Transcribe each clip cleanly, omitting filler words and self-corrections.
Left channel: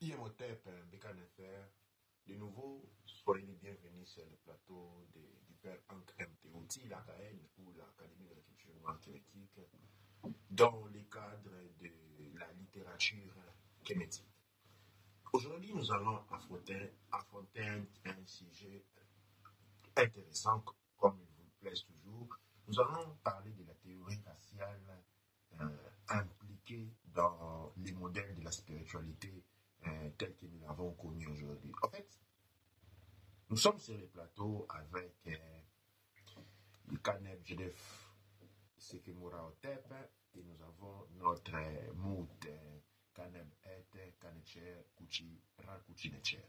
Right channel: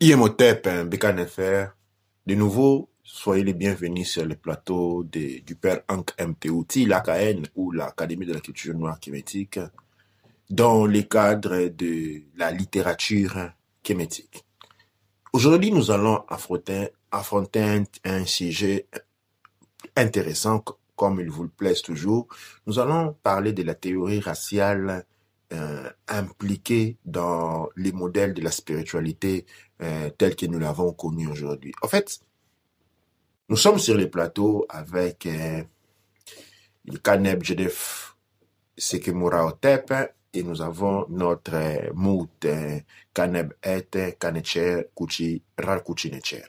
IMOTEP, Bécane FR. De nouveau, soyez les bienvenus sur le plateau du père Hank MTOT, l'AKN ou l'Académie de la culture noire kémétique, dans le cadre de la littérature kémétique. Aujourd'hui, nous allons affronter un sujet intéressant, comme il vous le plaise toujours. Nous allons parler de la théorie raciale impliquée dans les modèles de la spiritualité tels que nous l'avons connu aujourd'hui. En fait, nous sommes sur les plateaux avec le Kaneb Jedef Sekemura Otep et nous avons notre mout Kaneb Et Kanecher Kuchi Rakuchi Necher.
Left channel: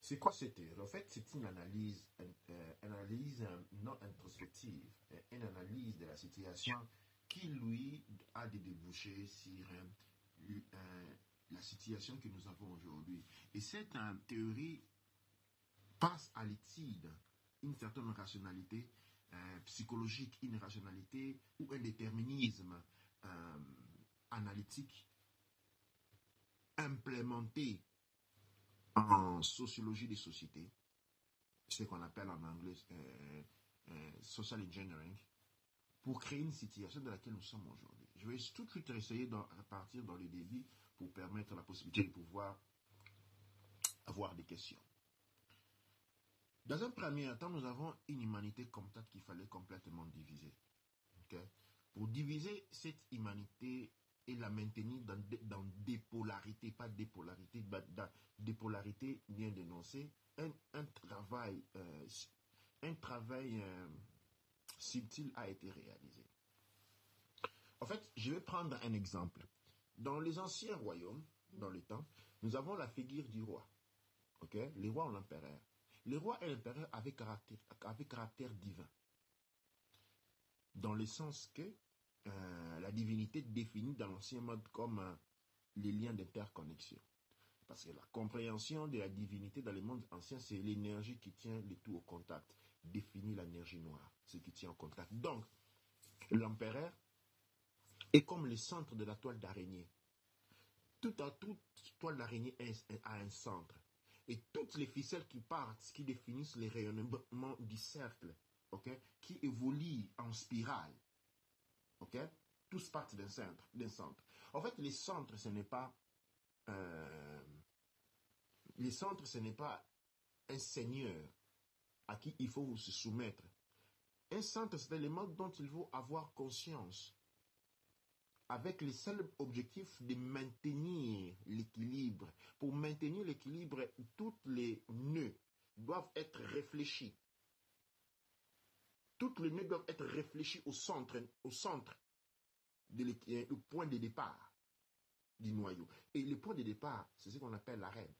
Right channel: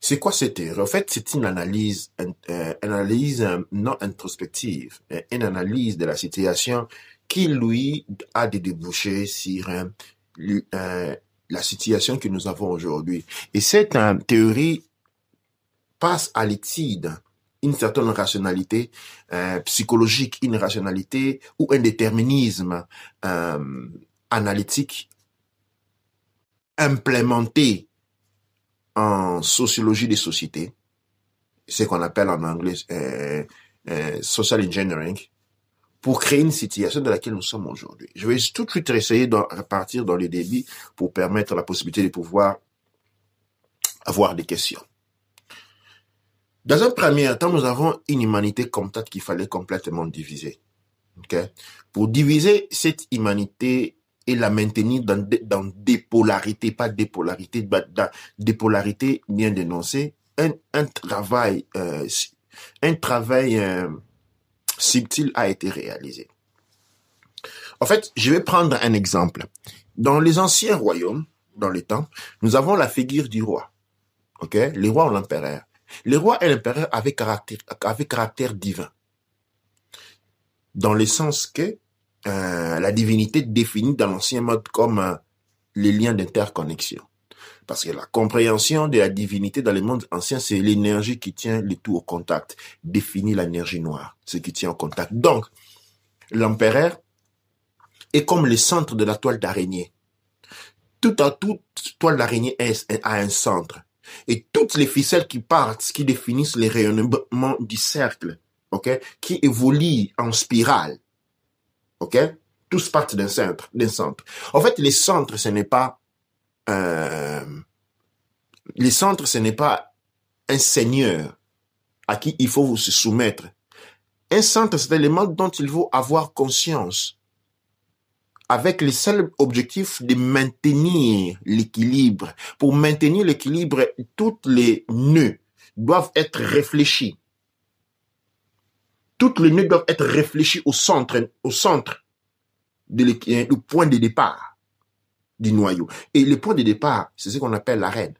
C'est quoi cette théorie? En fait, c'est une analyse non introspective, une analyse de la situation qui, lui, a des débouchés sur la situation que nous avons aujourd'hui. Et cette théorie passe à l'étude une certaine rationalité psychologique, une rationalité ou un déterminisme analytique implémenté en sociologie des sociétés, ce qu'on appelle en anglais social engineering, pour créer une situation dans laquelle nous sommes aujourd'hui. Je vais tout de suite essayer de repartir dans les débits pour permettre la possibilité de pouvoir avoir des questions. Dans un premier temps, nous avons une humanité comptable qu'il fallait complètement diviser. Okay? Pour diviser cette humanité et la maintenir dans des polarités, pas des polarités, dans des polarités bien dénoncées, un travail subtil a été réalisé. En fait, je vais prendre un exemple. Dans les anciens royaumes, dans les temps, nous avons la figure du roi. Okay? Le roi ou l'empereur. Le roi et l'empereur avaient caractère divin. Dans le sens que la divinité définie dans l'ancien mode comme les liens d'interconnexion. Parce que la compréhension de la divinité dans le monde ancien, c'est l'énergie qui tient le tout au contact, définit l'énergie noire, ce qui tient au contact. Donc, l'empereur est comme le centre de la toile d'araignée. Toute toile d'araignée a un centre. Et toutes les ficelles qui partent, qui définissent les rayonnements du cercle, okay, qui évoluent en spirale, okay, tous partent d'un centre. En fait, les centres, ce n'est pas un seigneur à qui il faut se soumettre. Un centre, c'est l'élément dont il faut avoir conscience, avec le seul objectif de maintenir l'équilibre. Pour maintenir l'équilibre, tous les nœuds doivent être réfléchis. Tous les nœuds doivent être réfléchis au centre du point de départ du noyau. Et le point de départ, c'est ce qu'on appelle l'arène,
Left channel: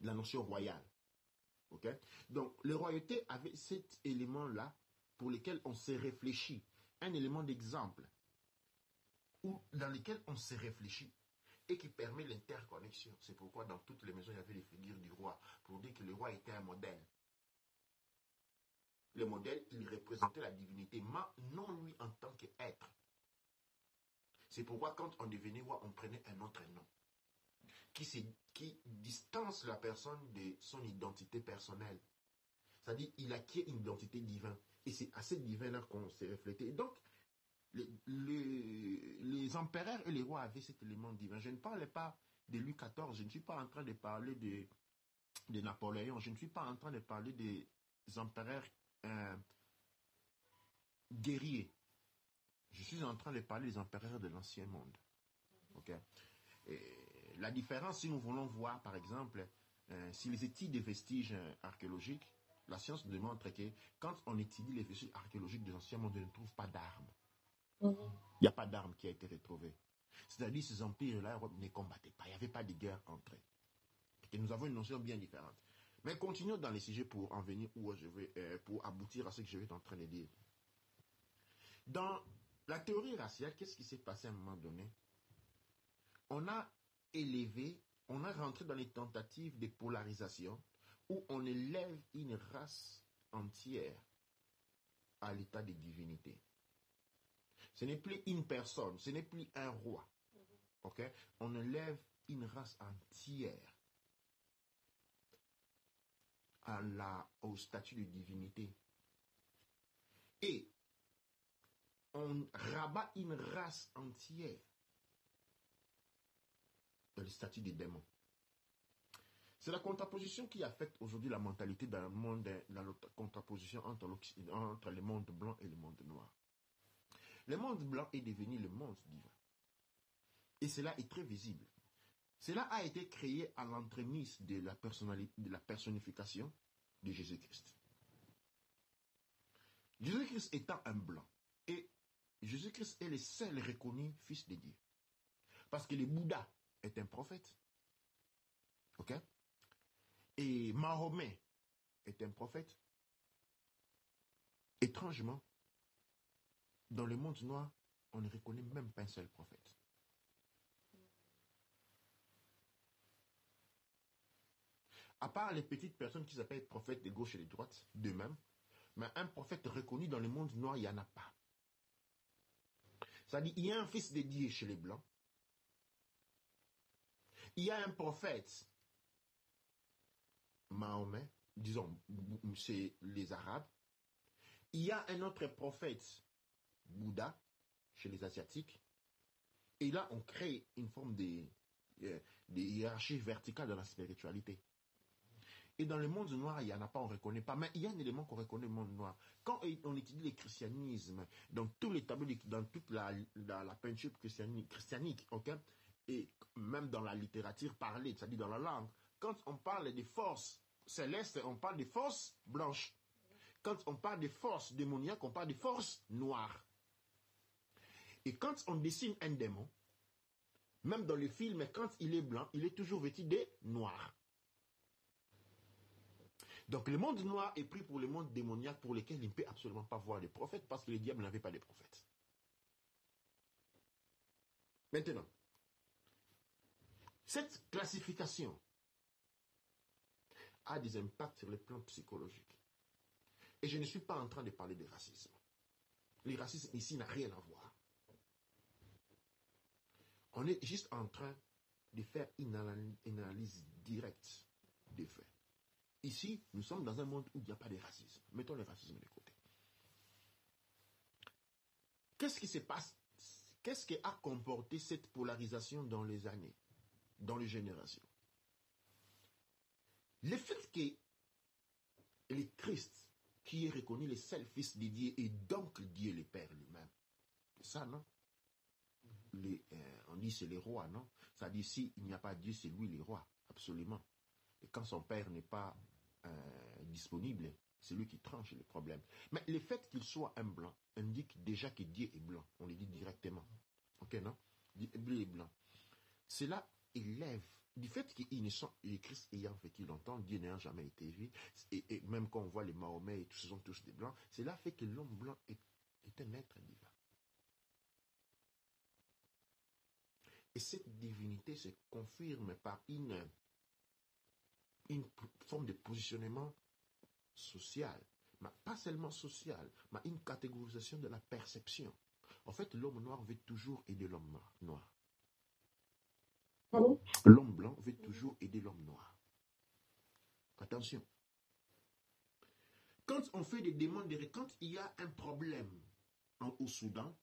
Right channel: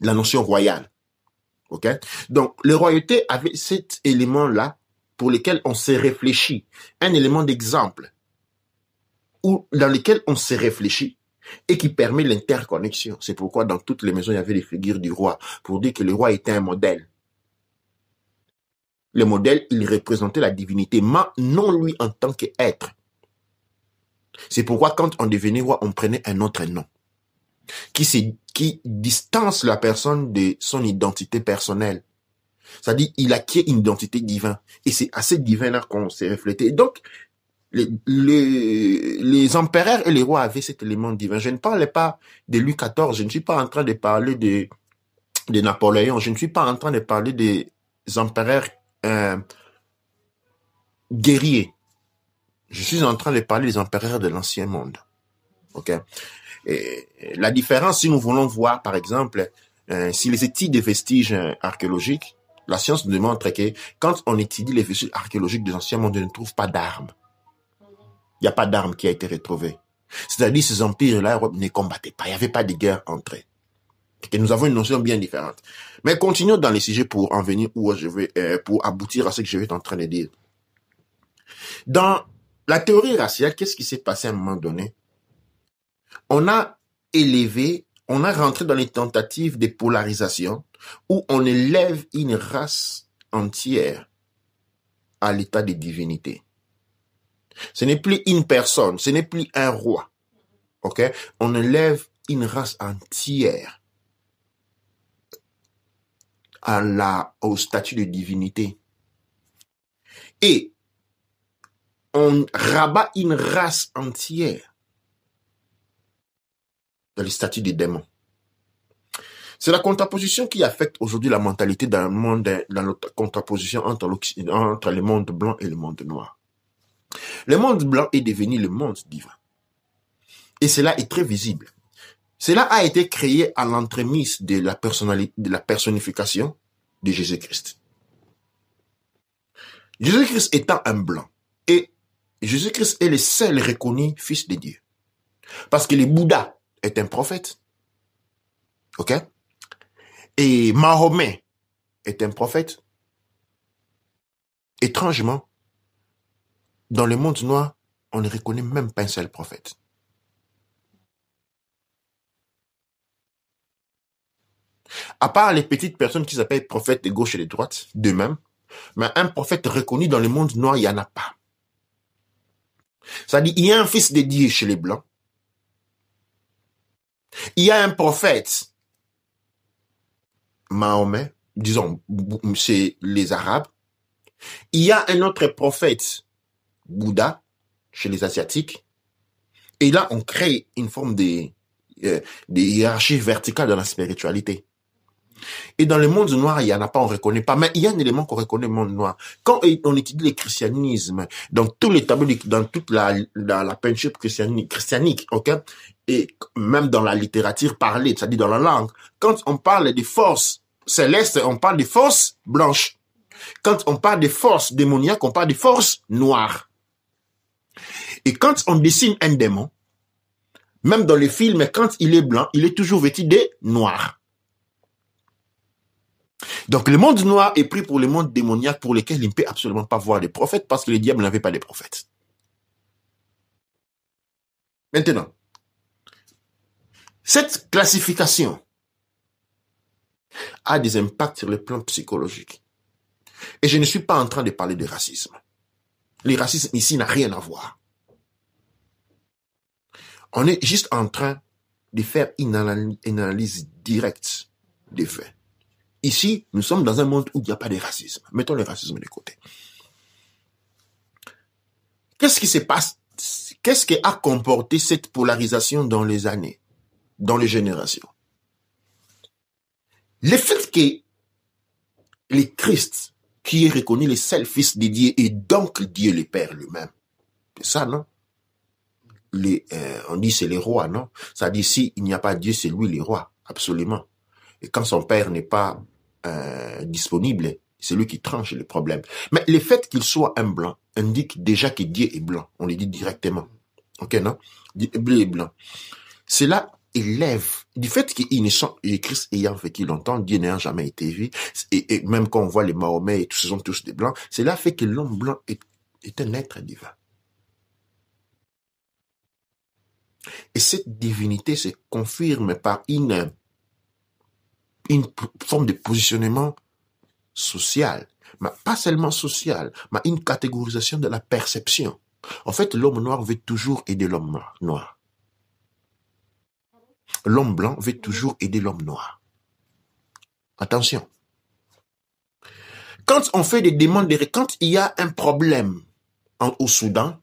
la notion royale. Okay? Donc, la royauté avait cet élément-là pour lequel on s'est réfléchi, un élément d'exemple, dans lequel on s'est réfléchi et qui permet l'interconnexion. C'est pourquoi dans toutes les maisons, il y avait les figures du roi, pour dire que le roi était un modèle. Le modèle, il représentait la divinité, mais non lui en tant qu'être. C'est pourquoi quand on devenait roi, on prenait un autre nom, qui distance la personne de son identité personnelle. C'est-à-dire, il acquiert une identité divine. Et c'est à cette divin-là qu'on s'est reflété. Donc, les empereurs et les rois avaient cet élément divin. Je ne parlais pas de Louis XIV, je ne suis pas en train de parler de Napoléon, je ne suis pas en train de parler des empereurs guerriers. Je suis en train de parler des empereurs de l'ancien monde. Okay? Et la différence, si nous voulons voir, par exemple, si les études des vestiges archéologiques, la science nous démontre que quand on étudie les vestiges archéologiques des anciens mondes, on ne trouve pas d'armes. Il n'y a pas d'armes qui a été retrouvée. C'est-à-dire ces empires-là ne combattaient pas. Il n'y avait pas de guerre entre eux. Et nous avons une notion bien différente. Mais continuons dans les sujets pour en venir où je vais, pour aboutir à ce que je vais être en train de dire. Dans la théorie raciale, qu'est-ce qui s'est passé à un moment donné? On a rentré dans les tentatives de polarisation où on élève une race entière à l'état de divinité. Ce n'est plus une personne, ce n'est plus un roi. ok? On élève une race entière au statut de divinité. Et on rabat une race entière dans le statut des démons. C'est la contraposition qui affecte aujourd'hui la mentalité dans le monde, dans la contraposition entre le monde blanc et le monde noir. Le monde blanc est devenu le monde divin. Et cela est très visible. Cela a été créé à l'entremise de la personnification de Jésus-Christ. Jésus-Christ étant un blanc, et Jésus-Christ est le seul reconnu fils de Dieu. Parce que le Bouddha est un prophète. Ok? Et Mahomet est un prophète. Étrangement, dans le monde noir, on ne reconnaît même pas un seul prophète. À part les petites personnes qui s'appellent prophètes de gauche et de droite, d'eux-mêmes, mais un prophète reconnu dans le monde noir, il n'y en a pas. C'est-à-dire, il y a un fils de Dieu chez les Blancs. Il y a un prophète, Mahomet, disons, chez les Arabes. Il y a un autre prophète, Bouddha, chez les Asiatiques. Et là, on crée une forme de hiérarchie verticale dans la spiritualité. Et dans le monde noir, il n'y en a pas, on ne reconnaît pas. Mais il y a un élément qu'on reconnaît dans le monde noir. Quand on étudie le christianisme, dans tous les tableaux, dans toute la peinture christianique, ok, et même dans la littérature parlée, c'est-à-dire dans la langue, quand on parle des forces célestes, on parle des forces blanches. Quand on parle des forces démoniaques, on parle des forces noires. Et quand on dessine un démon, même dans les films, quand il est blanc, il est toujours vêtu de noir. Donc le monde noir est pris pour le monde démoniaque pour lequel il ne peut absolument pas voir des prophètes parce que le diable n'avait pas de prophètes. Maintenant, cette classification a des impacts sur le plan psychologique. Et je ne suis pas en train de parler de racisme. Le racisme ici n'a rien à voir. On est juste en train de faire une analyse directe des faits. Ici, nous sommes dans un monde où il n'y a pas de racisme. Mettons le racisme de côté. Qu'est-ce qui se passe? Qu'est-ce qui a comporté cette polarisation dans les années, dans les générations? Le fait que le Christ, qui est reconnu le seul fils de Dieu et donc Dieu le Père lui-même, c'est ça, non? On dit c'est les rois, non? Ça dit si il n'y a pas Dieu, c'est lui le roi, absolument. Et quand son père n'est pas disponible, c'est lui qui tranche les problèmes. Mais le fait qu'il soit un blanc indique déjà que Dieu est blanc. On le dit directement. Ok, non? Dieu est blanc. Cela élève, du fait qu'ils ne sont, les Christ ayant vécu longtemps, Dieu n'ayant jamais été vu, et même quand on voit les Mahomet, et tous, ce sont tous des blancs, cela fait que l'homme blanc est un être divin. Et cette divinité se confirme par une forme de positionnement social, mais pas seulement social, mais une catégorisation de la perception. En fait, l'homme noir veut toujours aider l'homme noir. L'homme blanc veut toujours aider l'homme noir. Attention. Quand on fait des demandes, quand il y a un problème au Soudan,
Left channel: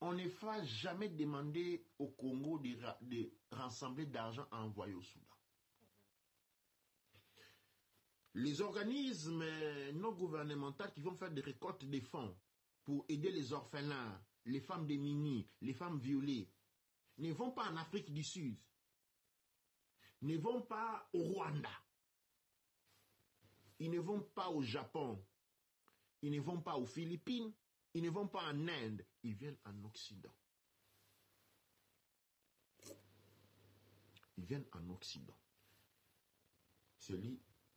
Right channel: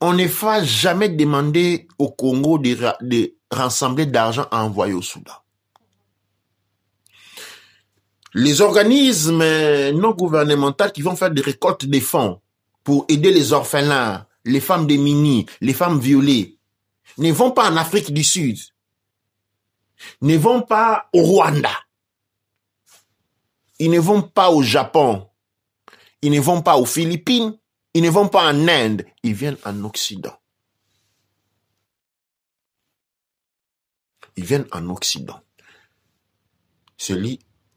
on ne va jamais demander au Congo de rassembler d'argent à envoyer au Soudan. Les organismes non gouvernementaux qui vont faire des récoltes de fonds pour aider les orphelins, les femmes démunies, les femmes violées, ne vont pas en Afrique du Sud, ne vont pas au Rwanda, ils ne vont pas au Japon, ils ne vont pas aux Philippines, ils ne vont pas en Inde, ils viennent en Occident. Ils viennent en Occident.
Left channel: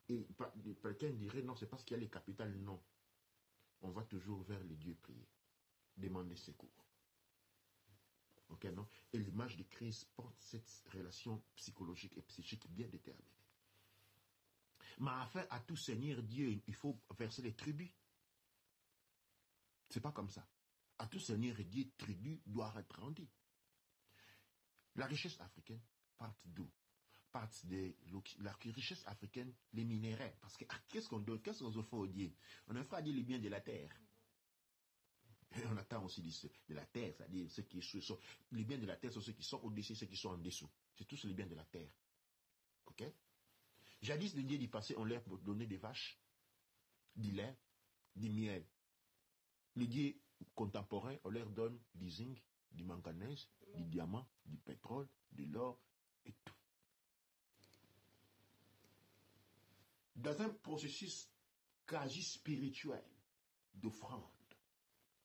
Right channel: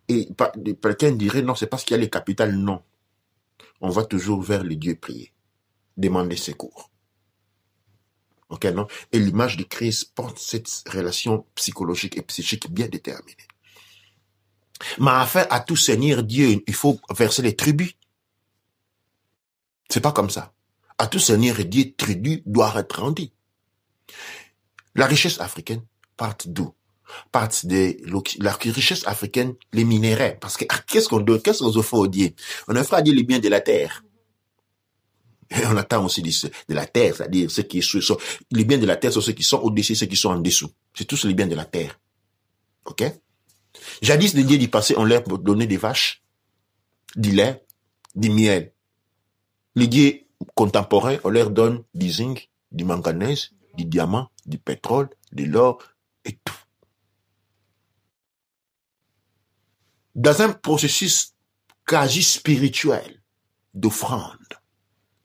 Et quelqu'un dirait, non, c'est parce qu'il y a les capitales. Non. On va toujours vers les dieux prier, demander secours. Ok, non? Et l'image de Christ porte cette relation psychologique et psychique bien déterminée. Mais afin à tout Seigneur Dieu, il faut verser les tribus. C'est pas comme ça. À tout Seigneur Dieu, tribut doit être rendu. La richesse africaine part d'où? Part de la richesse africaine, les minéraux. Parce que qu'est-ce qu'on fait au Dieu? On offre à Dieu les biens de la terre. Et on attend aussi de la terre, c'est-à-dire ceux qui sont, les biens de la terre sont ceux qui sont au-dessus, ceux qui sont en dessous. C'est tous les biens de la terre. Ok? Jadis, les dieux du passé, on leur donnait des vaches, du lait, du miel. Les dieux contemporains, on leur donne du zinc, du manganèse, du diamant, du pétrole, de l'or et tout. Dans un processus quasi spirituel d'offrande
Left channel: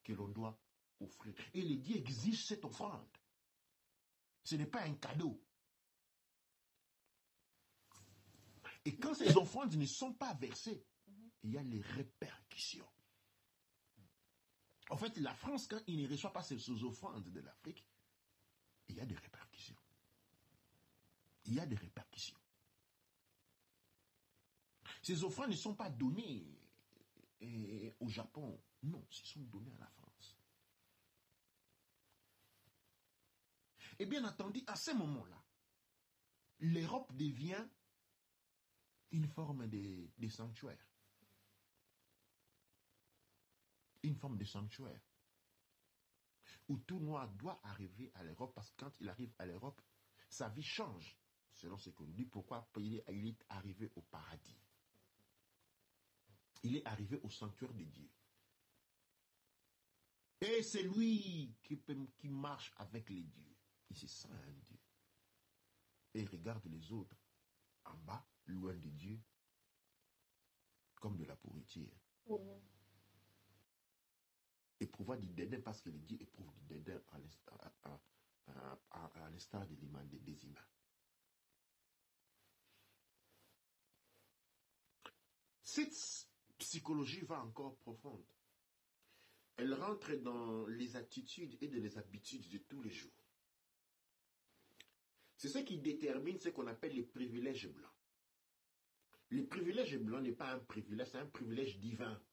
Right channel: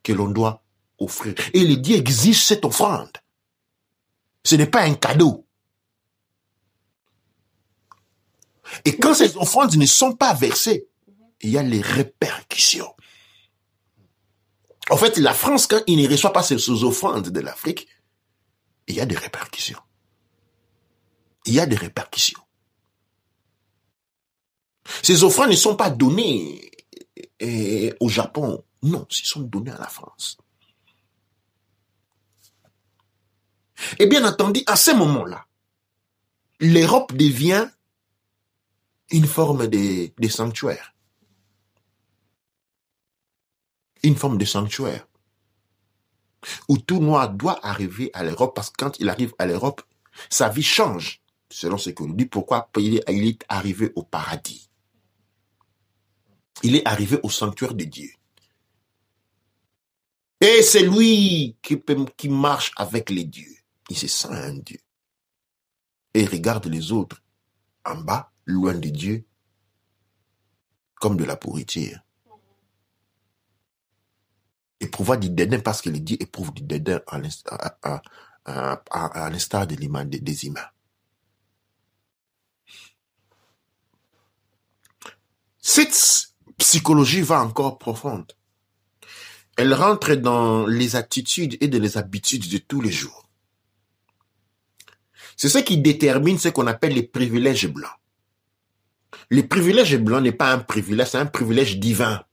que l'on doit offrir. Et les dieux exigent cette offrande. Ce n'est pas un cadeau. Et quand ces offrandes ne sont pas versées, il y a les répercussions. En fait, la France, quand il ne reçoit pas ces offrandes de l'Afrique, il y a des répercussions. Il y a des répercussions. Ces offrandes ne sont pas données au Japon. Non, elles sont données à la France. Et bien entendu, à ce moment-là, l'Europe devient une forme de sanctuaire. Une forme de sanctuaire. Où tout noir doit arriver à l'Europe, parce que quand il arrive à l'Europe, sa vie change, selon ce que nous dit. Pourquoi? Il est arrivé au paradis. Il est arrivé au sanctuaire de Dieu. Et c'est lui qui marche avec les dieux. Il se sent un Dieu. Et il regarde les autres en bas, loin de Dieu, comme de la pourriture. Éprouvant du dédain parce que les dieux éprouvent du dédain à l'instar des humains. Cette psychologie va encore profonde. Elle rentre dans les attitudes et dans les habitudes de tous les jours. C'est ce qui détermine ce qu'on appelle les privilèges blancs. Le privilège blanc n'est pas un privilège, c'est un privilège divin.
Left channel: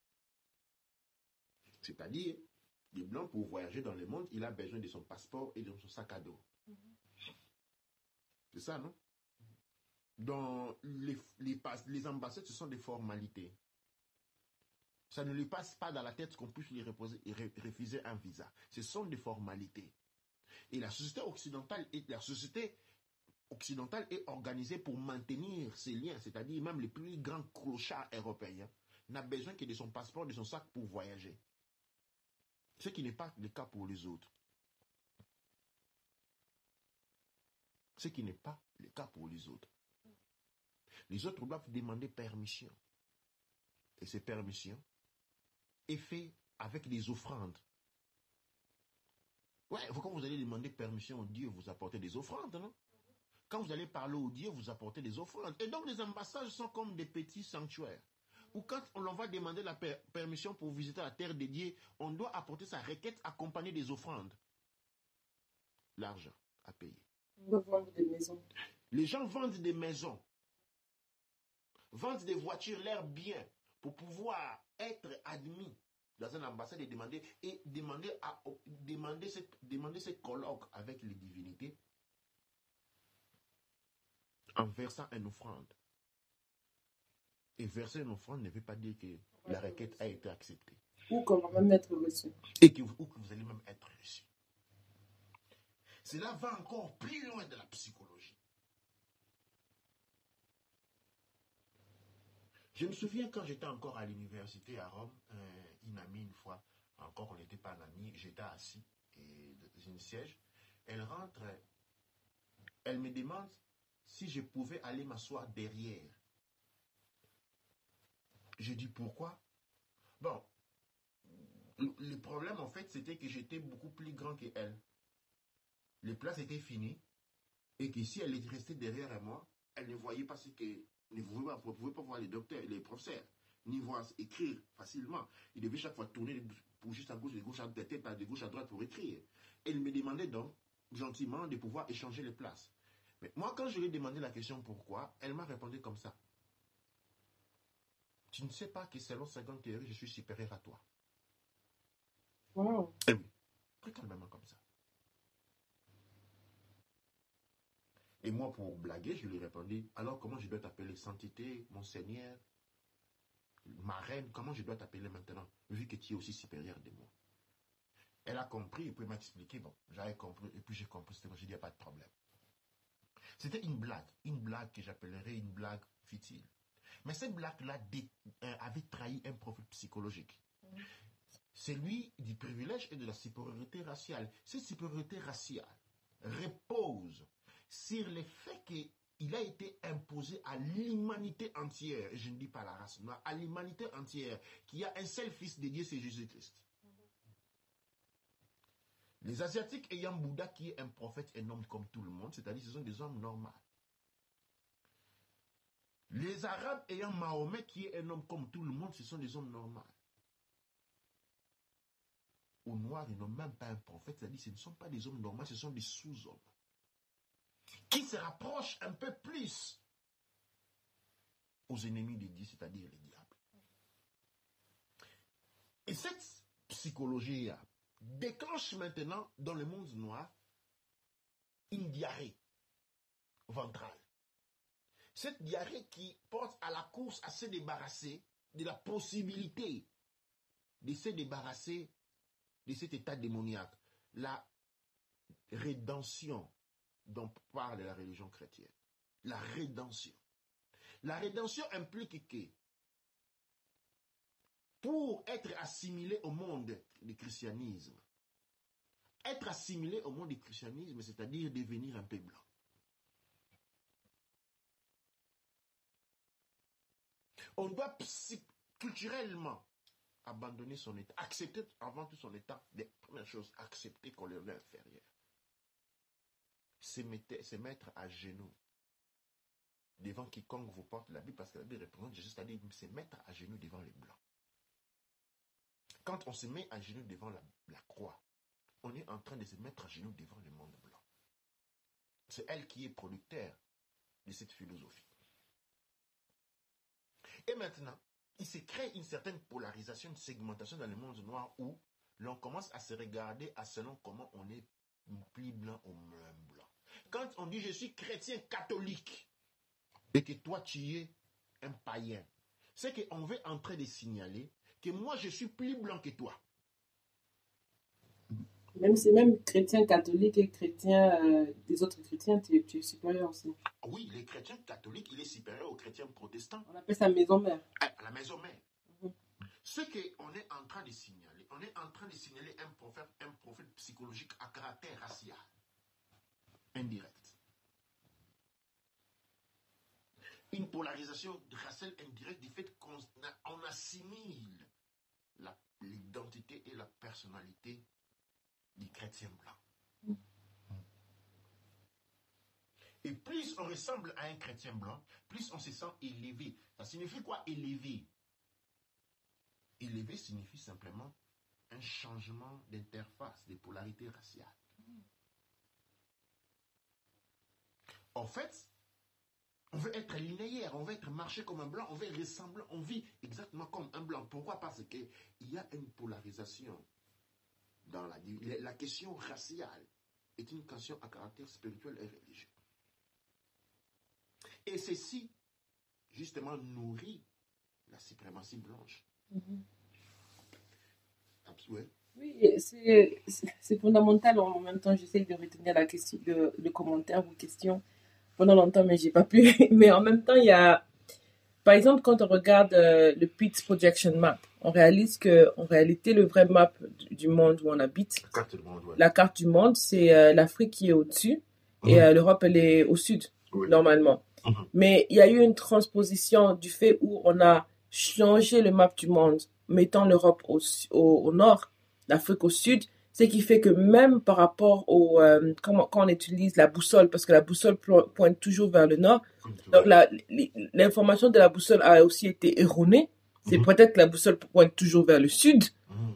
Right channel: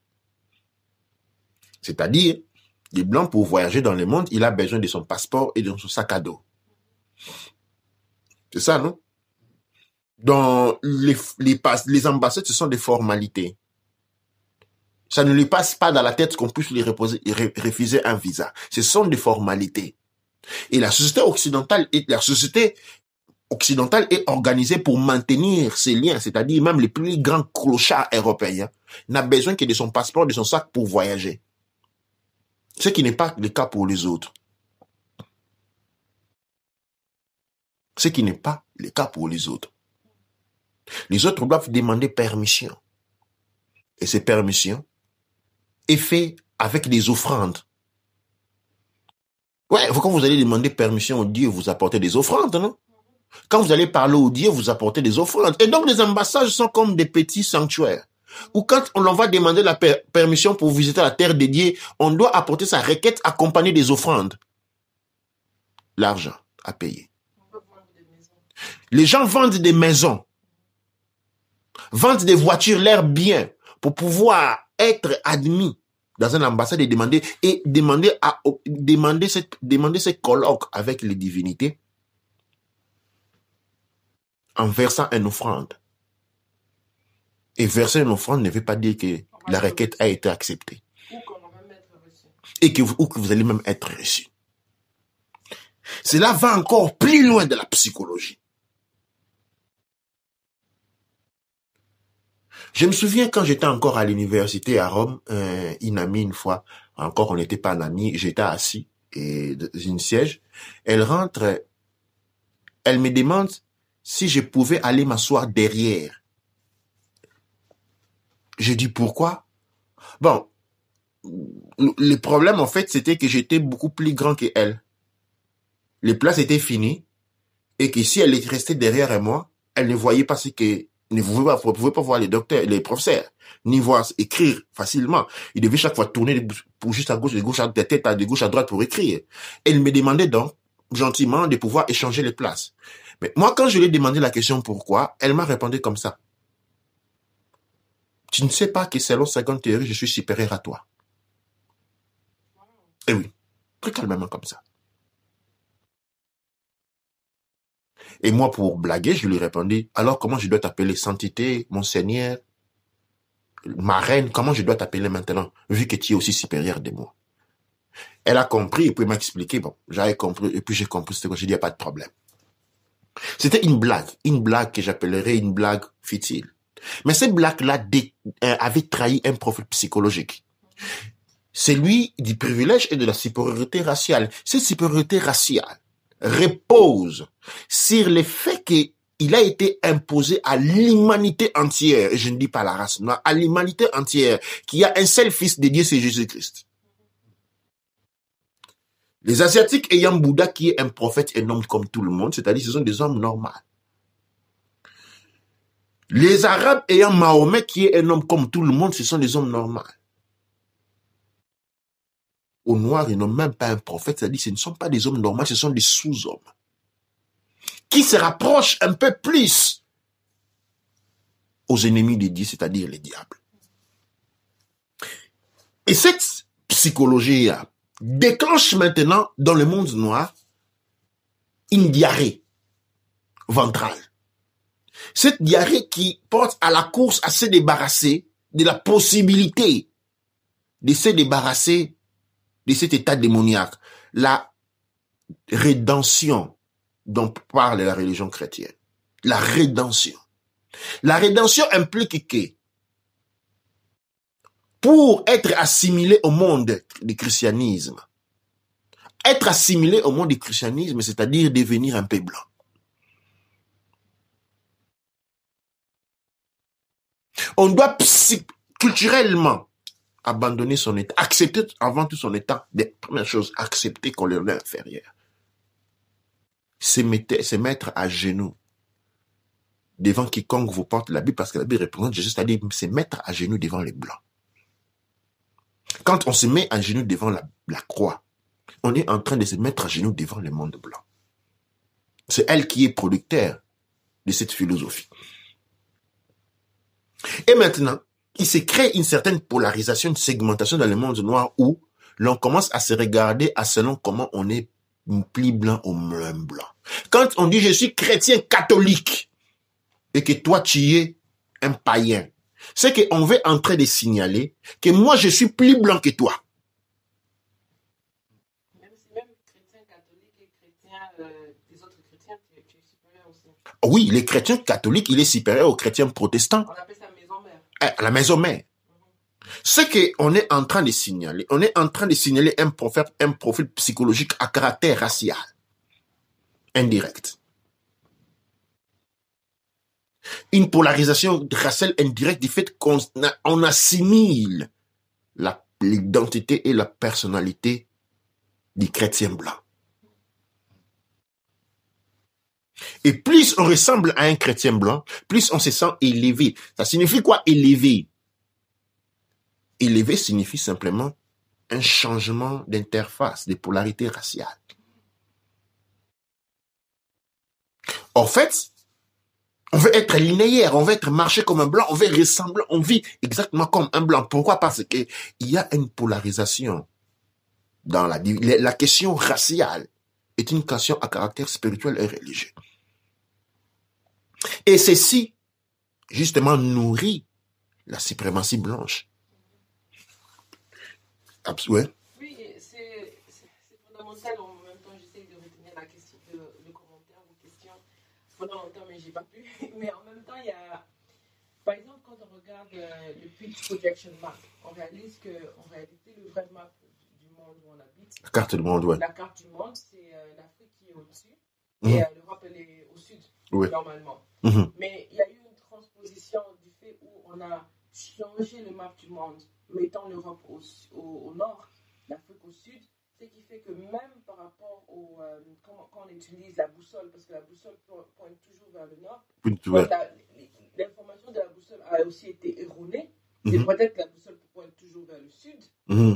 C'est-à-dire, le blanc, pour voyager dans le monde, il a besoin de son passeport et de son sac à dos. C'est ça, non? Dans les ambassades, ce sont des formalités. Ça ne lui passe pas dans la tête qu'on puisse lui refuser un visa. Ce sont des formalités. Et la société occidentale est organisée pour maintenir ces liens, c'est-à-dire même les plus grands clochards européens n'a besoin que de son passeport, de son sac pour voyager. Ce qui n'est pas le cas pour les autres. Ce qui n'est pas le cas pour les autres. Les autres doivent demander permission. Et ces permissions est fait avec des offrandes. Ouais, quand vous allez demander permission au Dieu, vous apportez des offrandes, non? Quand vous allez parler au Dieu, vous apportez des offrandes. Et donc les ambassades sont comme des petits sanctuaires. Ou quand on va demander la permission pour visiter la terre des dieux, on doit apporter sa requête accompagnée des offrandes. L'argent à payer. Les gens vendent des maisons, vendent des voitures, leurs biens, pour pouvoir être admis dans une ambassade et demander ce colloque avec les divinités en versant une offrande. Et verser une offrande ne veut pas dire que la requête a été acceptée. Ou qu'on va même être reçu. Ou que vous allez même être reçu. Cela va encore plus loin de la psychologie. Je me souviens quand j'étais encore à l'université à Rome, une amie une fois, encore on n'était pas en amis, j'étais assis et dans une siège, elle rentre, elle me demande si je pouvais aller m'asseoir derrière. Je dis pourquoi? Bon, le problème en fait c'était que j'étais beaucoup plus grand qu'elle. Les places étaient finies et que si elle était restée derrière moi, elle ne voyait pas ce que ne pouvait pas voir les docteurs, les professeurs, ni voir écrire facilement. Il devait chaque fois tourner pour juste à gauche, de gauche à tête, de gauche à droite pour écrire. Elle me demandait donc gentiment de pouvoir échanger les places. Mais moi, quand je lui ai demandé la question pourquoi, elle m'a répondu comme ça. Tu ne sais pas que selon certaines théories, je suis supérieur à toi. Wow. Et oui, très calmement comme ça. Et moi, pour blaguer, je lui répondis, alors comment je dois t'appeler Sainteté, mon Seigneur, ma reine, comment je dois t'appeler maintenant, vu que tu es aussi supérieur de moi? Elle a compris, et puis elle m'a expliqué, bon, j'avais compris, et puis j'ai compris, c'était quoi, j'ai dit, il n'y a pas de problème. C'était une blague que j'appellerais une blague futile. Mais cette blague-là avait trahi un profil psychologique. Celui du privilège et de la supériorité raciale. Cette supériorité raciale repose sur le fait qu'il a été imposé à l'humanité entière, et je ne dis pas la race noire, à l'humanité entière, qui a un seul fils de Dieu, c'est Jésus-Christ. Les Asiatiques ayant Bouddha qui est un prophète et un homme comme tout le monde, c'est-à-dire ce sont des hommes normaux. Les Arabes ayant Mahomet qui est un homme comme tout le monde, ce sont des hommes normaux. Aux Noirs, ils n'ont même pas un prophète, c'est-à-dire ce ne sont pas des hommes normaux, ce sont des sous-hommes. Qui se rapprochent un peu plus aux ennemis de Dieu, c'est-à-dire les diables. Et cette psychologie déclenche maintenant dans le monde noir une diarrhée ventrale. Cette diarrhée qui porte à la course à se débarrasser de la possibilité de se débarrasser de cet état démoniaque, la rédemption dont parle la religion chrétienne. La rédemption. La rédemption implique que pour être assimilé au monde du christianisme, être assimilé au monde du christianisme, c'est-à-dire devenir un peu blanc. On doit culturellement abandonner son état, accepter avant tout son état, des premières choses, accepter qu'on est inférieur. Se mettre à genoux devant quiconque vous porte la Bible, parce que la Bible représente Jésus, c'est-à-dire se mettre à genoux devant les blancs. Quand on se met à genoux devant la croix, on est en train de se mettre à genoux devant le monde blanc. C'est elle qui est producteur de cette philosophie. Et maintenant, il se crée une certaine polarisation, une segmentation dans le monde noir où l'on commence à se regarder à selon comment on est plus blanc ou moins blanc. Quand on dit je suis chrétien catholique et que toi tu es un païen, c'est qu'on veut en train de signaler que moi je suis plus blanc que toi. Même chrétien catholique et chrétien des autres chrétiens, tu es supérieur aussi. Oui, les chrétiens catholiques, il est supérieur aux chrétiens protestants. On appelle ça maison mère. La maison mère. Ce qu'on est en train de signaler, on est en train de signaler un profil psychologique à caractère racial, indirect. Une polarisation raciale indirecte du fait qu'on assimile l'identité et la personnalité du chrétien blanc. Et plus on ressemble à un chrétien blanc, plus on se sent élevé. Ça signifie quoi, élevé? Élevé signifie simplement un changement d'interface, de polarité raciale. En fait, on veut être linéaire, on veut être marché comme un blanc, on veut ressembler, on vit exactement comme un blanc. Pourquoi? Parce qu'il y a une polarisation dans la question raciale est une question à caractère spirituel et religieux. Et ceci, justement, nourrit la suprématie blanche. Ouais. Oui, c'est fondamental. En même temps, j'essaie de retenir la question, le commentaire ou question pendant longtemps, mais j'ai pas pu. Mais en même temps, il y a, par exemple, quand on regarde le Pitts Projection Map, on réalise que, en réalité, le vrai map du monde où on habite, La carte du monde, ouais. La carte du monde, c'est l'Afrique qui est au-dessus et l'Europe, elle est au sud, normalement. Mais il y a eu une transposition du fait où on a changé le map du monde, mettant l'Europe au nord, l'Afrique au sud, ce qui fait que même par rapport quand on utilise la boussole, parce que la boussole pointe toujours vers le nord, donc l'information de la boussole a aussi été erronée. C'est peut-être que la boussole pointe toujours vers le sud,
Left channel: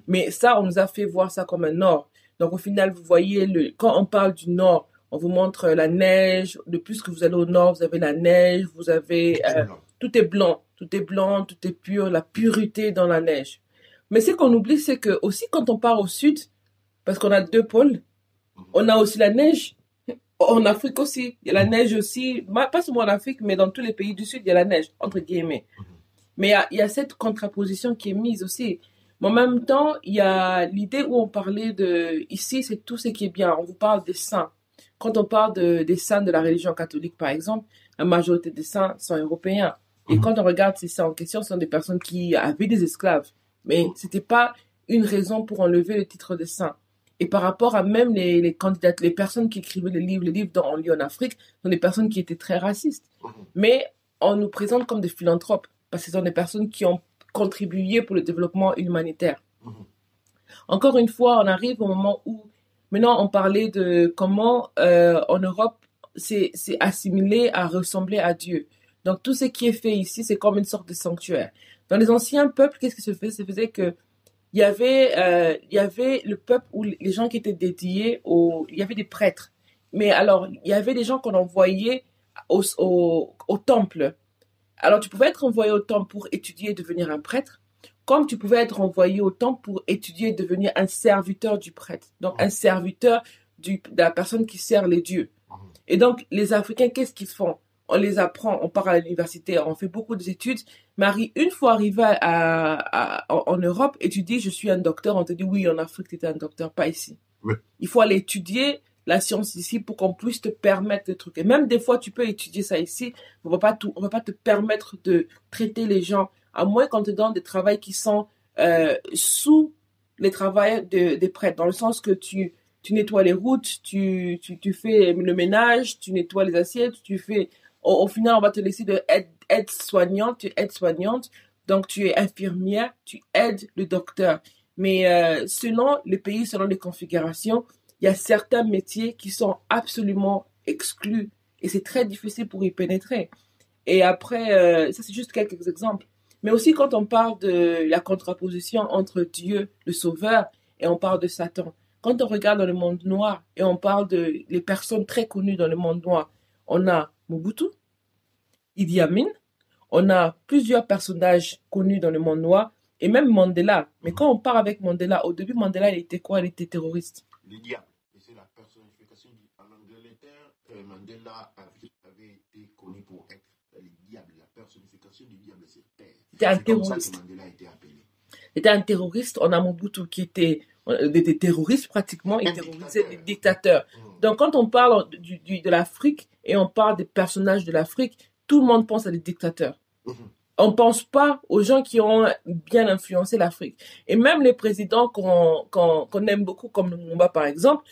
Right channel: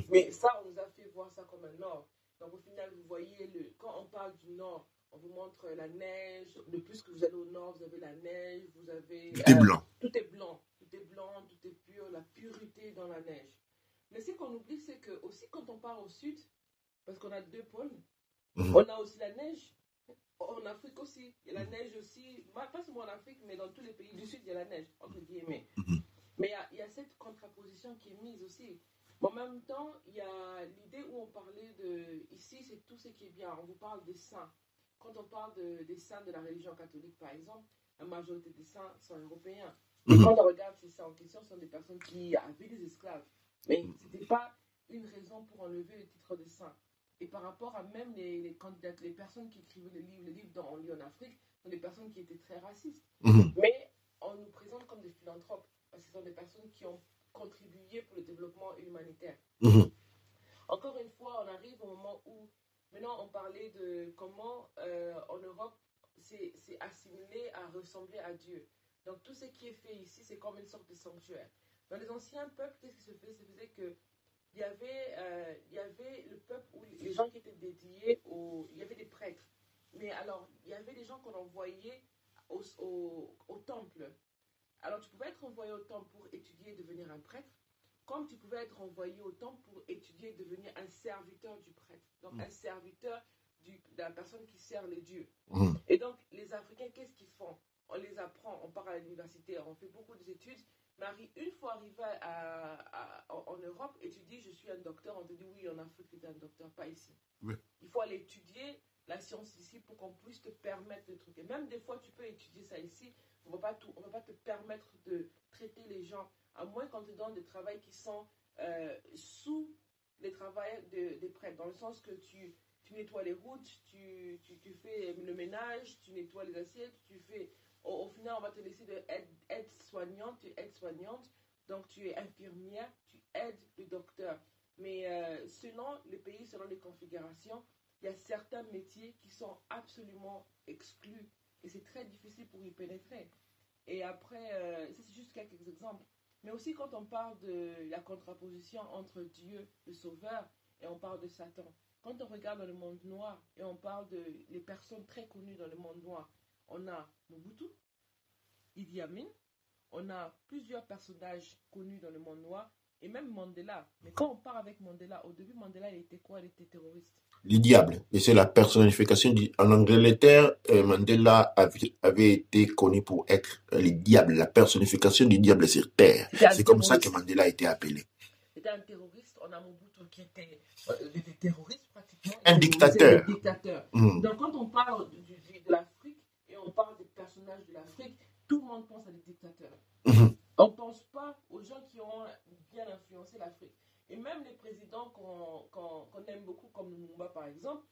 mais ça, on nous a fait voir ça comme un nord. Donc au final, vous voyez, quand on parle du nord, on vous montre la neige. De plus que vous allez au nord, vous avez la neige, vous avez... Tout est blanc, tout est blanc, tout est pur, la pureté dans la neige. Mais ce qu'on oublie, c'est que aussi quand on part au sud, parce qu'on a deux pôles, on a aussi la neige En Afrique aussi, il y a la neige aussi. Pas seulement en Afrique, mais dans tous les pays du Sud, il y a la neige, entre guillemets. Mais il y a cette contraposition qui est mise aussi. Mais en même temps, il y a l'idée où on parlait de... Ici, c'est tout ce qui est bien. On vous parle des saints. Quand on parle des saints de la religion catholique, par exemple, la majorité des saints sont européens. Et quand on regarde ces saints en question, ce sont des personnes qui avaient des esclaves. Mais ce n'était pas une raison pour enlever le titre de saint. Et par rapport à même les candidats, les personnes qui écrivaient les livres dont on lit en Afrique, sont des personnes qui étaient très racistes. Mais on nous présente comme des philanthropes, parce que ce sont des personnes qui ont contribué pour le développement humanitaire. Encore une fois, on arrive au moment où, maintenant, on parlait de comment en Europe, c'est assimilé à ressembler à Dieu. Donc, tout ce qui est fait ici, c'est comme une sorte de sanctuaire. Dans les anciens peuples, qu'est-ce qui se faisait? Ça faisait que il y avait le peuple où les gens qui étaient dédiés il y avait des prêtres. Mais alors, il y avait des gens qu'on envoyait au temple. Alors, tu pouvais être envoyé au temple pour étudier et devenir un prêtre, comme tu pouvais être envoyé au temple pour étudier et devenir un serviteur du prêtre. Donc, un serviteur de la personne qui sert les dieux. Et donc, les Africains, qu'est-ce qu'ils font? On les apprend, on part à l'université, on fait beaucoup d'études. Mais une fois arrivé en Europe et tu dis je suis un docteur, on te dit oui, en Afrique tu es un docteur, pas ici. Oui. Il faut aller étudier la science ici pour qu'on puisse te permettre de trucs. Et même des fois tu peux étudier ça ici, on va pas te permettre de traiter les gens, à moins qu'on te donne des travaux qui sont sous les travaux des prêtres, dans le sens que tu nettoies les routes, tu fais le ménage, tu nettoies les assiettes, tu fais... Au final, on va te laisser de aide-soignante, tu es aide-soignante, donc tu es infirmière, tu aides le docteur. Mais selon les pays, selon les configurations, il y a certains métiers qui sont absolument exclus et c'est très difficile pour y pénétrer. Et après, ça c'est juste quelques exemples. Mais aussi quand on parle de la contraposition entre Dieu, le Sauveur, et on parle de Satan. Quand on regarde dans le monde noir et on parle de les personnes très connues dans le monde noir, on a Mobutu, Idi Amin, on a plusieurs personnages connus dans le monde noir, et même Mandela. Mais quand on part avec Mandela, au début, Mandela, il était quoi? Il était terroriste. Le diable. Et c'est la personnification. En Angleterre, Mandela avait été connu pour être le diable, la personnification du diable sur Terre. C'est comme ça que Mandela a été appelé. Il était un terroriste. On a Mobutu qui était des terroristes pratiquement. Un dictateur. Donc quand on parle de l'Afrique et on parle des personnages de l'Afrique, tout le monde pense à des dictateurs. On ne pense pas aux gens qui ont bien influencé l'Afrique. Et même les présidents qu'on aime beaucoup, comme Lumumba par exemple,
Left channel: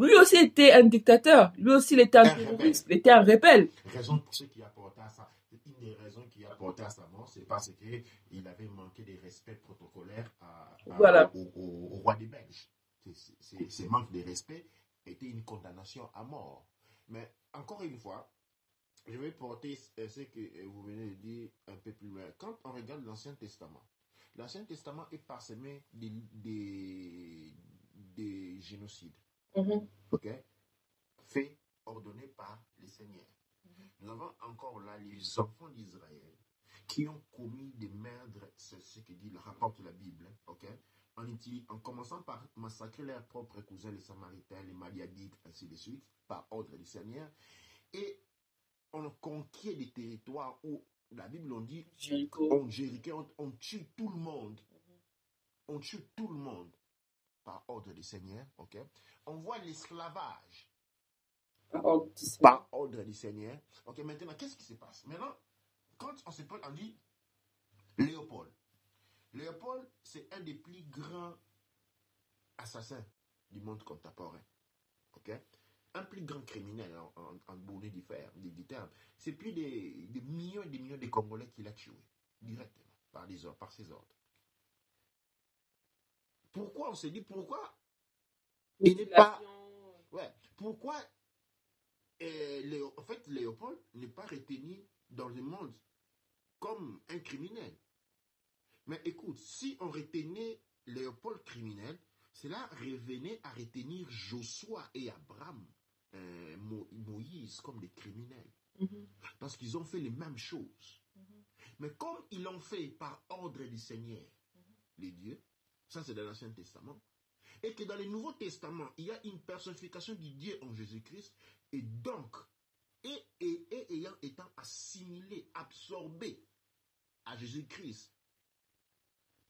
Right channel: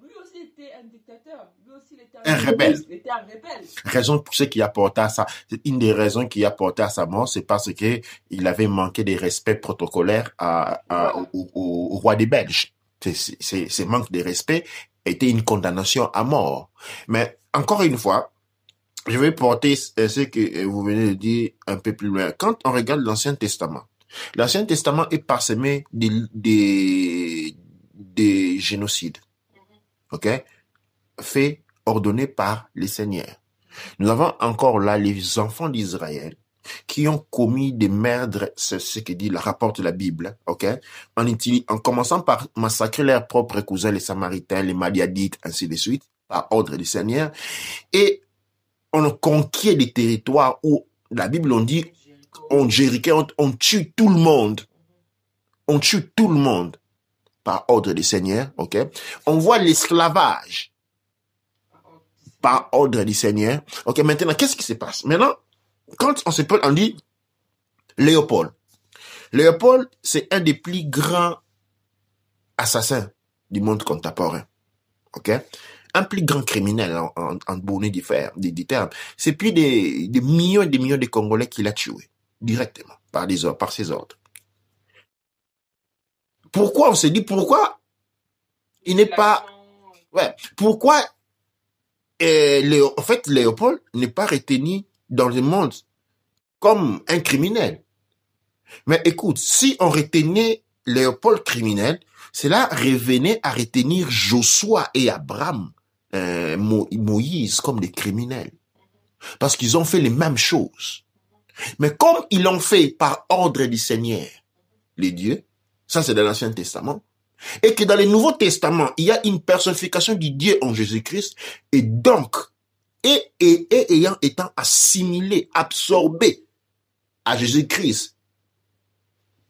lui aussi était un dictateur. Lui aussi, il était un terroriste. Il était un rebelle. Raison pour ce qui a porté à ça. Une des raisons qui a porté à sa mort, c'est parce qu'il avait manqué de respect protocolaire au roi des Belges. Ce manque de respect était une condamnation à mort. Mais encore une fois, je vais porter ce que vous venez de dire un peu plus loin. Quand on regarde l'Ancien Testament est parsemé des génocides. OK? Faits, ordonnés par les seigneurs. Nous avons encore là les enfants d'Israël qui ont commis des meurtres, c'est ce que dit le rapport de la Bible, OK? En commençant par massacrer leurs propres cousins, les Samaritains, les Madiadites, ainsi de suite, par ordre du Seigneur. Et on conquiert des territoires où la Bible on dit on tue tout le monde. On tue tout le monde par ordre du Seigneur, ok? On voit l'esclavage par ordre du Seigneur. Ok, maintenant, qu'est-ce qui se passe? Maintenant, quand on dit Léopold. Léopold, c'est un des plus grands assassins du monde contemporain. Ok? Un plus grand criminel en bonnet des termes. C'est plus des millions et des millions de Congolais qu'il a tués directement par ses ordres. Pourquoi on se dit pourquoi il n'est pas... Ouais, pourquoi en fait Léopold n'est pas retenu dans le monde comme un criminel? Mais écoute, si on retenait Léopold criminel, cela revenait à retenir Joshua et Abraham, Moïse comme des criminels. Parce qu'ils ont fait les mêmes choses. Mais comme ils l'ont fait par ordre du Seigneur, les dieux, ça c'est dans l'Ancien Testament, Et que dans le Nouveau Testament, il y a une personnification du Dieu en Jésus-Christ, et donc, étant assimilé, absorbé à Jésus-Christ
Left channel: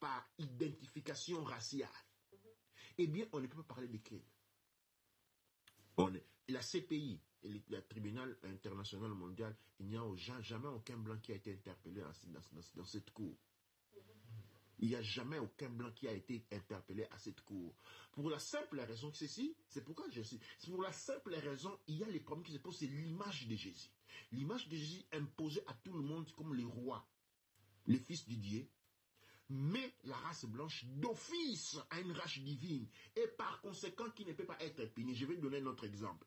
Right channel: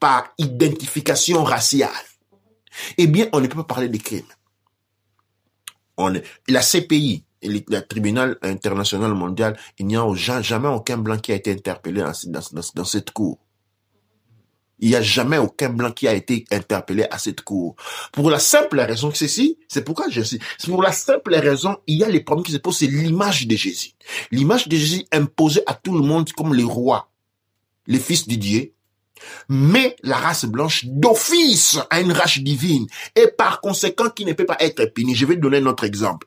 par identification raciale, eh bien, on ne peut pas parler de crime. La CPI, le tribunal international mondial, il n'y a jamais aucun blanc qui a été interpellé dans cette cour. Il n'y a jamais aucun blanc qui a été interpellé à cette cour. Pour la simple raison que c'est pourquoi c'est pour la simple raison, il y a les problèmes qui se posent, c'est l'image de Jésus. L'image de Jésus imposée à tout le monde comme les rois, les fils de Dieu, mais la race blanche d'office a une race divine et par conséquent qui ne peut pas être punie. Je vais donner un autre exemple.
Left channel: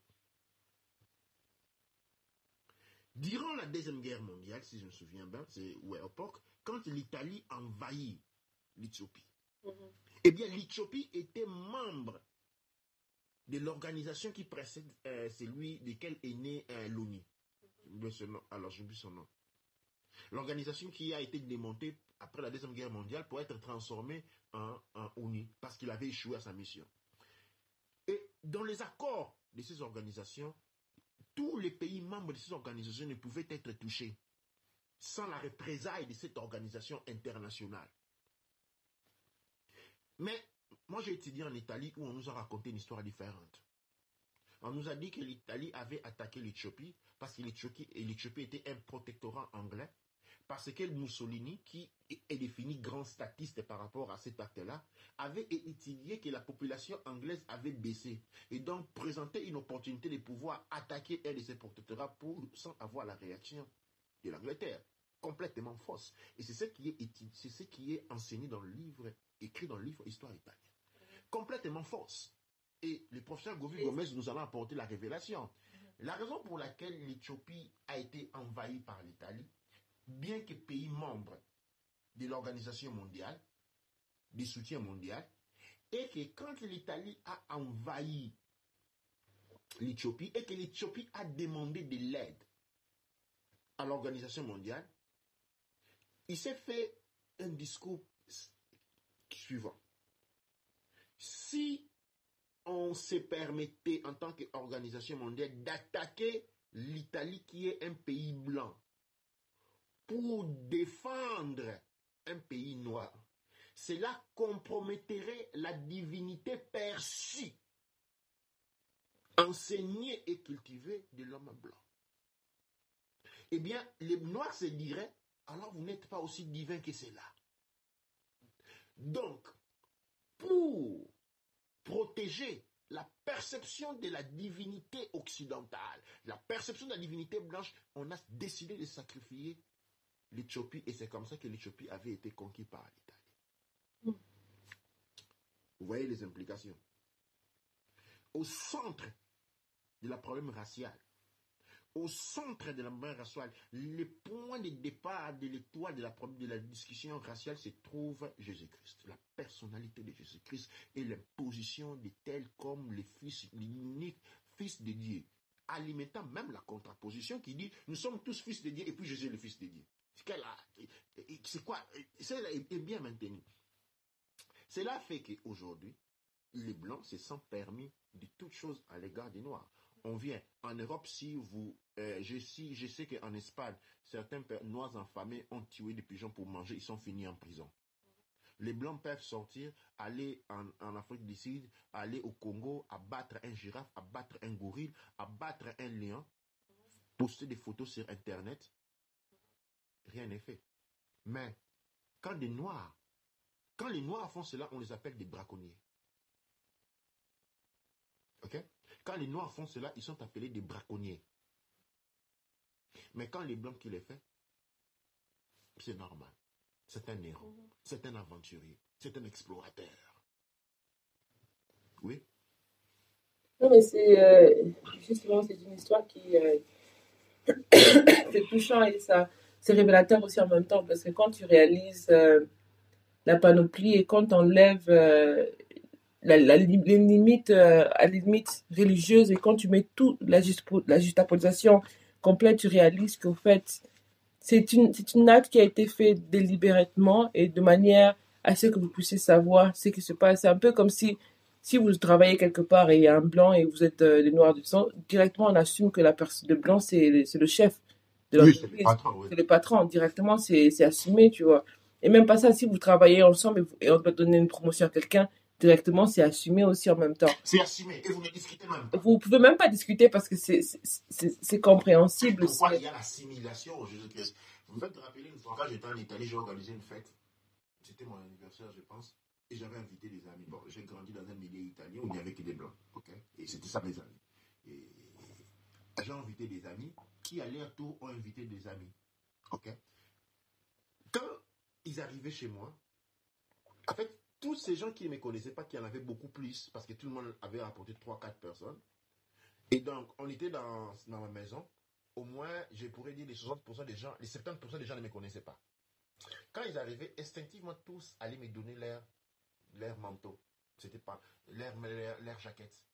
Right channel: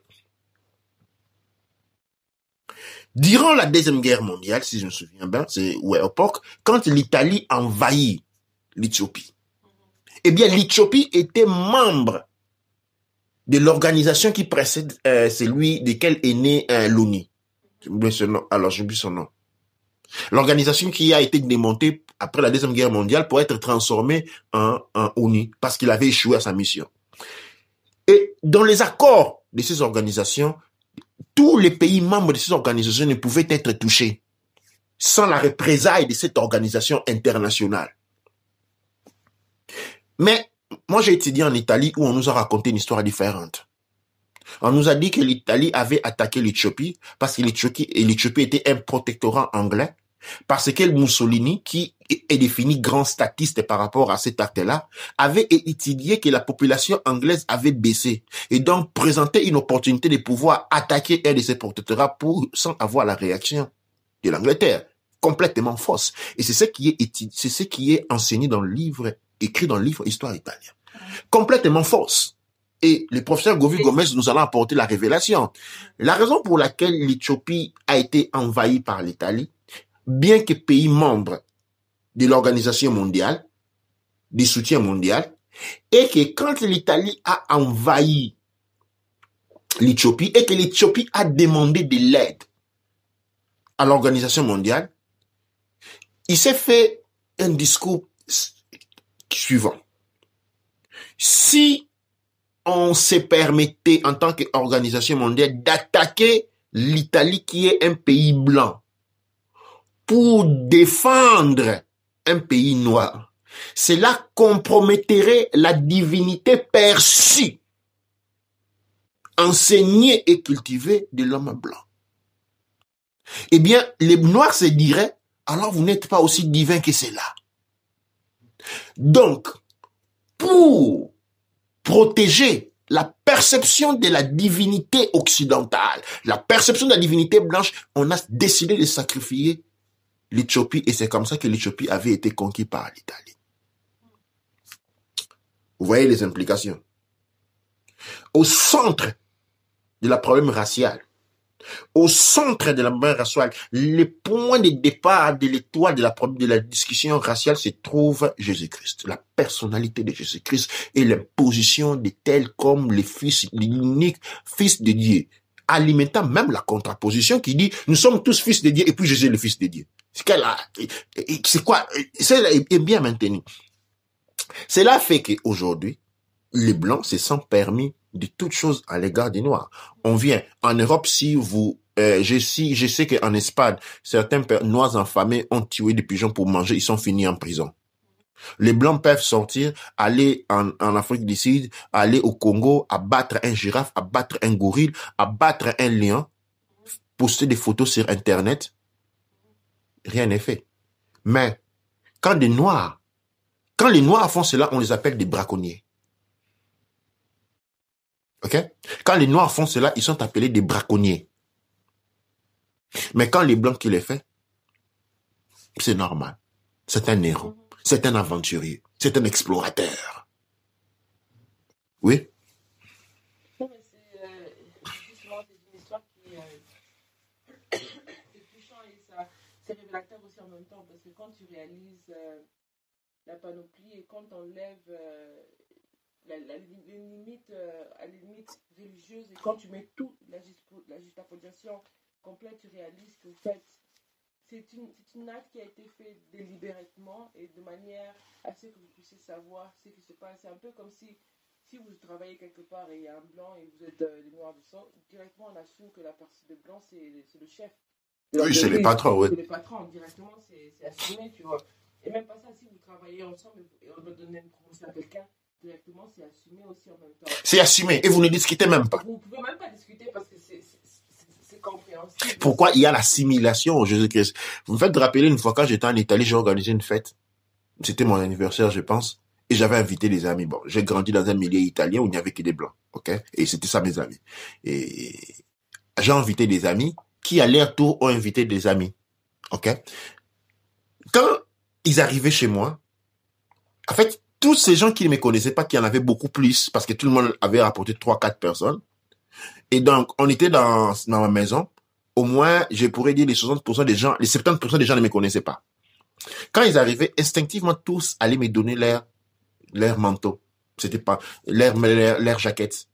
Durant la Deuxième Guerre mondiale, si je me souviens bien, c'est à l'époque, quand l'Italie envahit l'Éthiopie, eh bien l'Éthiopie était membre de l'organisation qui précède celui desquels est né l'ONU. Alors, j'oublie son nom. L'organisation qui a été démontée après la Deuxième Guerre mondiale pour être transformée en ONU parce qu'il avait échoué à sa mission. Et dans les accords de ces organisations, tous les pays membres de ces organisations ne pouvaient être touchés sans la représailles de cette organisation internationale. Mais moi, j'ai étudié en Italie où on nous a raconté une histoire différente. On nous a dit que l'Italie avait attaqué l'Éthiopie parce que l'Éthiopie était un protectorat anglais, parce que Mussolini, qui est défini grand statiste par rapport à cet acte-là, avait étudié que la population anglaise avait baissé et donc présentait une opportunité de pouvoir attaquer un de ces protectorats sans avoir la réaction de l'Angleterre. Complètement fausse. Et c'est ce qui est enseigné dans le livre, écrit dans le livre Histoire italien. Complètement fausse. Et le professeur Govi Gomez nous allons apporter la révélation. La raison pour laquelle l'Éthiopie a été envahie par l'Italie, bien que pays membre de l'organisation mondiale, du soutien mondial, et que quand l'Italie a envahi l'Éthiopie et que l'Éthiopie a demandé de l'aide à l'organisation mondiale, il s'est fait un discours suivant. Si on se permettait en tant qu'organisation mondiale d'attaquer l'Italie qui est un pays blanc pour défendre un pays noir, cela compromettrait la divinité perçue, enseignée et cultivée de l'homme blanc. Eh bien, les noirs se diraient, alors vous n'êtes pas aussi divin que cela. Donc, pour protéger la perception de la divinité occidentale, la perception de la divinité blanche, on a décidé de sacrifier l'Éthiopie et c'est comme ça que l'Éthiopie avait été conquise par l'Italie. Vous voyez les implications. Au centre de la problème racial, au centre de la problème raciale, le point de départ de l'étoile de la discussion raciale se trouve Jésus-Christ, la personnalité de Jésus-Christ et l'imposition de tels comme l'unique fils de Dieu, alimentant même la contraposition qui dit nous sommes tous fils de Dieu et puis Jésus est le fils de Dieu. C'est quoi? Cela est bien maintenu. Cela fait qu'aujourd'hui, les Blancs se sentent permis de toutes choses à l'égard des Noirs. On vient en Europe, je sais qu'en Espagne, certains Noirs affamés ont tué des pigeons pour manger, ils sont finis en prison. Les Blancs peuvent sortir, aller en Afrique du Sud, aller au Congo, abattre un girafe, abattre un gorille, abattre un lion, poster des photos sur Internet. Rien n'est fait. Mais quand les Noirs font cela, on les appelle des braconniers. Ok? Quand les Noirs font cela, ils sont appelés des braconniers. Mais quand les Blancs qui les font, c'est normal. C'est un héros. C'est un aventurier. C'est un explorateur. Oui? Non, mais justement, c'est une histoire qui c'est touchant et c'est révélateur aussi en même temps parce que quand tu réalises la panoplie et quand tu enlèves les limites à la limite religieuse et quand tu mets tout la juxtaposition complète, tu réalises qu'au fait, c'est une acte qui a été fait délibérément et de manière à ce que vous puissiez savoir ce qui se passe. C'est un peu comme si si vous travaillez quelque part et il y a un blanc et vous êtes des noirs du sang, directement on assume que la personne de blanc c'est le chef de Oui, c'est l'entreprise, les patrons, oui. c'est le patron. Directement c'est assumé, tu vois. Et même pas ça, si vous travaillez ensemble et on doit donner une promotion à quelqu'un, directement c'est assumé aussi en même temps. C'est assumé et vous ne discutez même pas. Vous pouvez même pas discuter parce que c'est compréhensible. Pourquoi il y a l'assimilation au Jésus-Christ? Vous me faites rappeler une fois quand j'étais en Italie, j'ai organisé une fête. C'était mon anniversaire, je pense. Et j'avais invité des amis. Bon, j'ai grandi dans un milieu italien où il n'y avait que des blancs. OK? Et c'était ça mes amis. Et j'ai invité des amis qui, à leur tour, ont invité des amis. OK? Quand ils arrivaient chez moi, en fait, tous ces gens qui ne me connaissaient pas, qui en avaient beaucoup plus, parce que tout le monde avait rapporté 3-4 personnes. Et donc, on était dans ma maison. Au moins, je pourrais dire les 60% des gens, les 70% des gens ne me connaissaient pas. Quand ils arrivaient, instinctivement, tous allaient me donner leur manteau. C'était pas leur jaquette.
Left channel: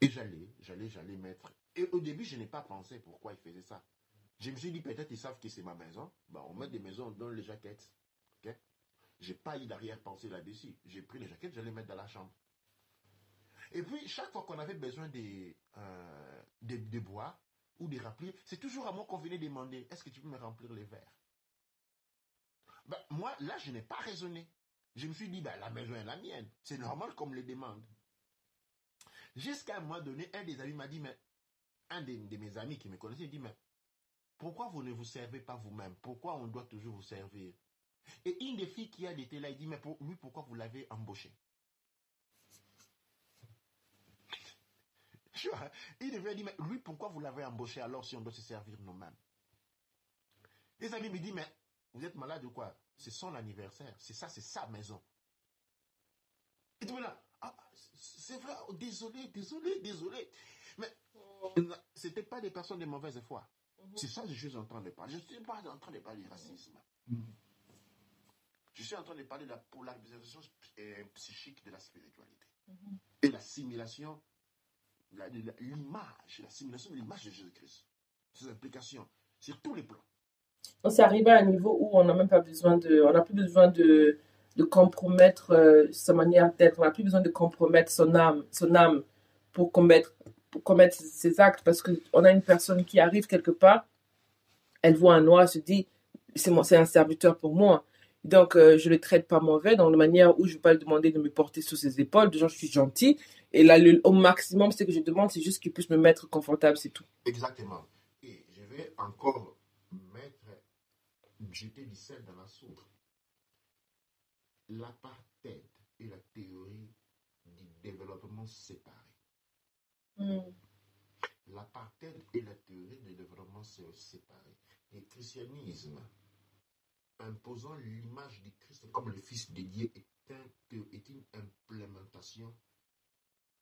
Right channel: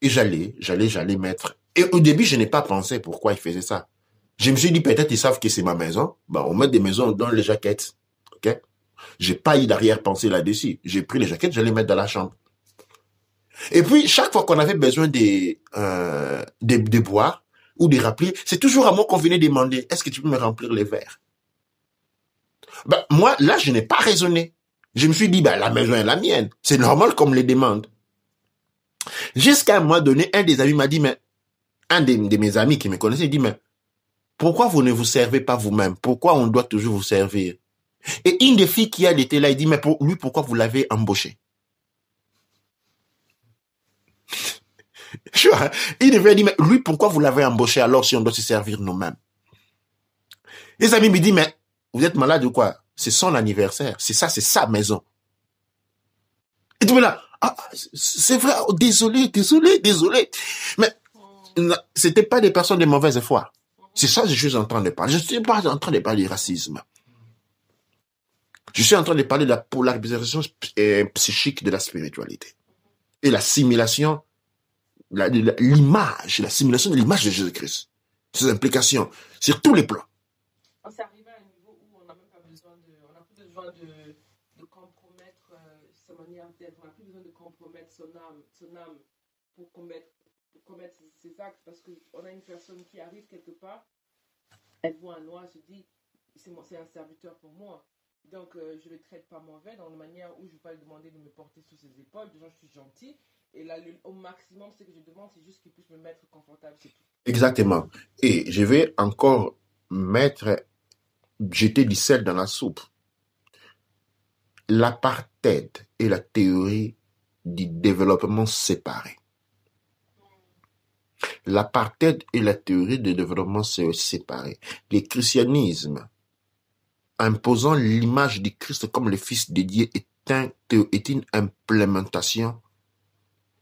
Et j'allais mettre. Et au début, je n'ai pas pensé pourquoi ils faisaient ça. Je me suis dit, peut-être ils savent que c'est ma maison. Ben, on met des maisons dans les jaquettes. OK? J'ai pas eu d'arrière-pensée là-dessus. J'ai pris les jaquettes, je les mettre dans la chambre. Et puis, chaque fois qu'on avait besoin de boire ou de remplir, c'est toujours à moi qu'on venait demander, est-ce que tu peux me remplir les verres? Ben, moi, là, je n'ai pas raisonné. Je me suis dit, ben, la maison est la mienne. C'est normal qu'on me les demande. Jusqu'à un moment donné, un des amis m'a dit, mais un de mes amis qui me connaissait, il dit, mais pourquoi vous ne vous servez pas vous-même? Pourquoi on doit toujours vous servir? Et une des filles qui était là, il dit, mais lui, pourquoi vous l'avez embauché? Il devait dire, mais lui, pourquoi vous l'avez embauché alors si on doit se servir nous-mêmes? Les amis me disent, mais vous êtes malade ou quoi? C'est son anniversaire. C'est ça, c'est sa maison. Et tout là, ah, c'est vrai, oh, désolé. Mais c'était pas des personnes de mauvaise foi. C'est ça que je suis en train de parler. Je ne suis pas en train de parler du racisme. Je suis en train de parler de la polarisation psychique de la spiritualité. Et l'assimilation, l'assimilation de l'image de Jésus-Christ. Ses implications sur tous les plans. C'est arrivé à un niveau où on n'a même pas besoin on n'a plus besoin de compromettre sa manière d'être. On n'a plus besoin de compromettre son âme pour commettre ses actes, parce qu'on a une personne qui arrive quelque part, elle voit un noir, elle se dit, c'est un serviteur pour moi. Donc, je ne le traite pas mauvais, dans la manière où je ne vais pas lui demander de me porter sur ses épaules. Déjà, je suis gentil. Et là, au maximum, ce que je demande, c'est juste qu'il puisse me mettre confortable, c'est tout. Exactement. Et je vais encore jeter du sel dans la soupe. L'apartheid est la théorie du développement séparé. L'apartheid est la théorie du développement séparé. Le christianisme, imposant l'image du Christ comme le Fils de Dieu, est une implémentation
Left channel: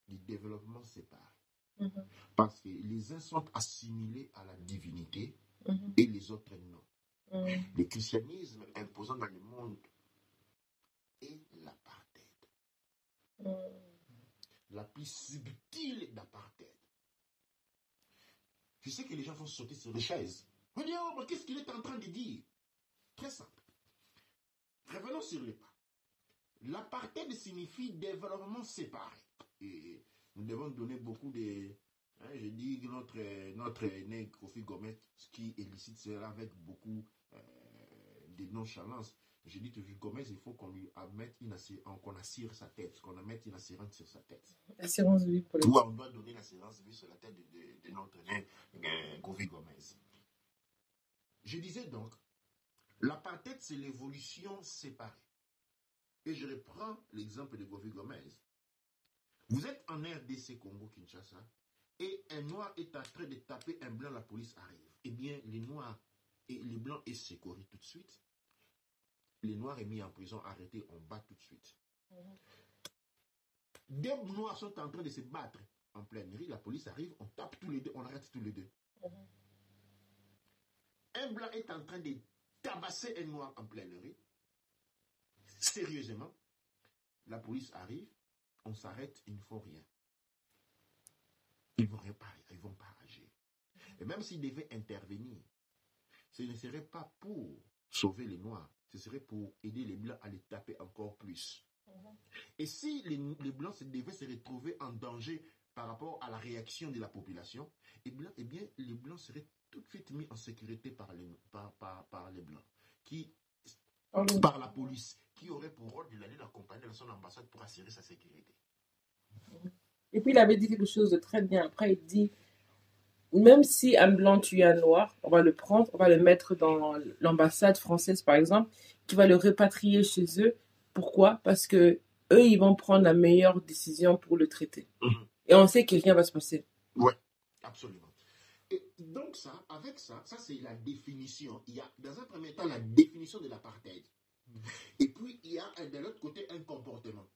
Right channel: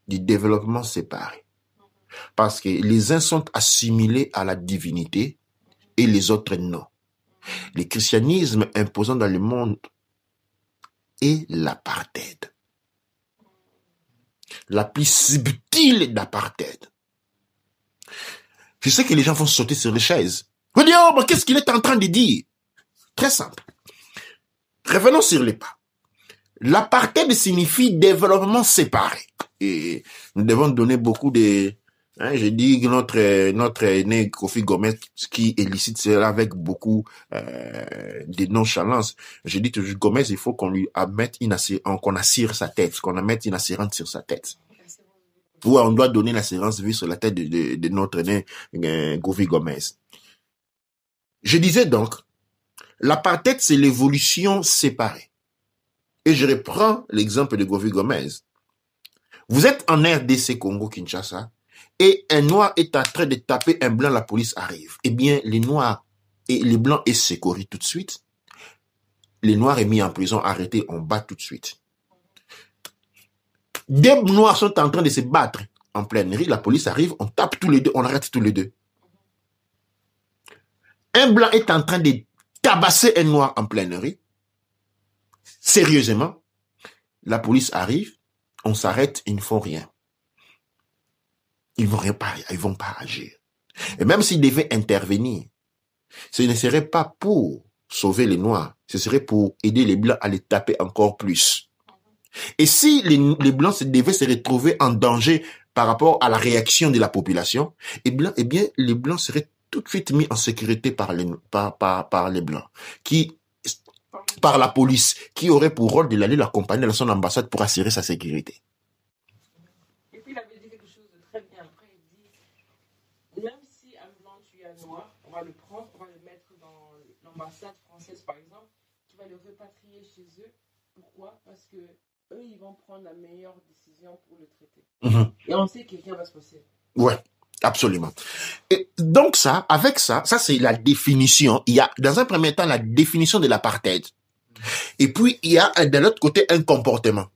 du développement séparé. Parce que les uns sont assimilés à la divinité et les autres non. Le christianisme imposant dans le monde est l'apartheid. La plus subtile d'apartheid. Je sais que les gens vont sauter sur les chaises. Vous dire, oh, mais qu'est-ce qu'il est en train de dire? Très simple. Revenons sur les pas. L'apartheid signifie développement séparé. Et nous devons donner beaucoup de... je dis que notre aîné Kofi Gomez, qui élicite cela avec beaucoup de nonchalance. Je dis toujours, Gomez, il faut qu'on lui mette qu'on assire sa tête, qu'on mette une assurance sur sa tête. Assurance vie. Oui, on doit donner l'assurance vie sur la tête de notre aîné Kofi Gomez. Je disais donc, l'apartheid, c'est l'évolution séparée. Et je reprends l'exemple de Kofi Gomez. Vous êtes en RDC Congo-Kinshasa et un noir est en train de taper un blanc, la police arrive. Eh bien, les noirs et les blancs est secouru tout de suite. Les noirs est mis en prison, arrêté, on bat tout de suite. Des noirs sont en train de se battre en pleine rue, la police arrive, on tape tous les deux, on arrête tous les deux. Un blanc est en train de tabasser un noir en pleine rue. Sérieusement, la police arrive, on s'arrête, ils ne font rien. Ils ne vont pas agir. Et même s'ils devaient intervenir, ce ne serait pas pour sauver les noirs, ce serait pour aider les blancs à les taper encore plus. Et si les Blancs devaient se retrouver en danger par rapport à la réaction de la population, eh bien, les Blancs seraient tout de suite mis en sécurité par les Blancs, par la police, qui aurait pour rôle de l'aller l'accompagner dans son ambassade pour assurer sa sécurité. Et puis il avait dit quelque chose de très bien. Après, il dit, même si un Blanc tue un Noir, on va le prendre, on va le mettre dans l'ambassade française, par exemple, qui va le répatrier chez eux. Pourquoi? Parce que eux, ils vont prendre la meilleure décision pour le traiter. Et on sait que rien va se passer. Ouais, absolument. Et donc avec ça c'est la définition. Il y a, dans un premier temps, la définition de l'apartheid. Et puis, il y a de l'autre côté un comportement.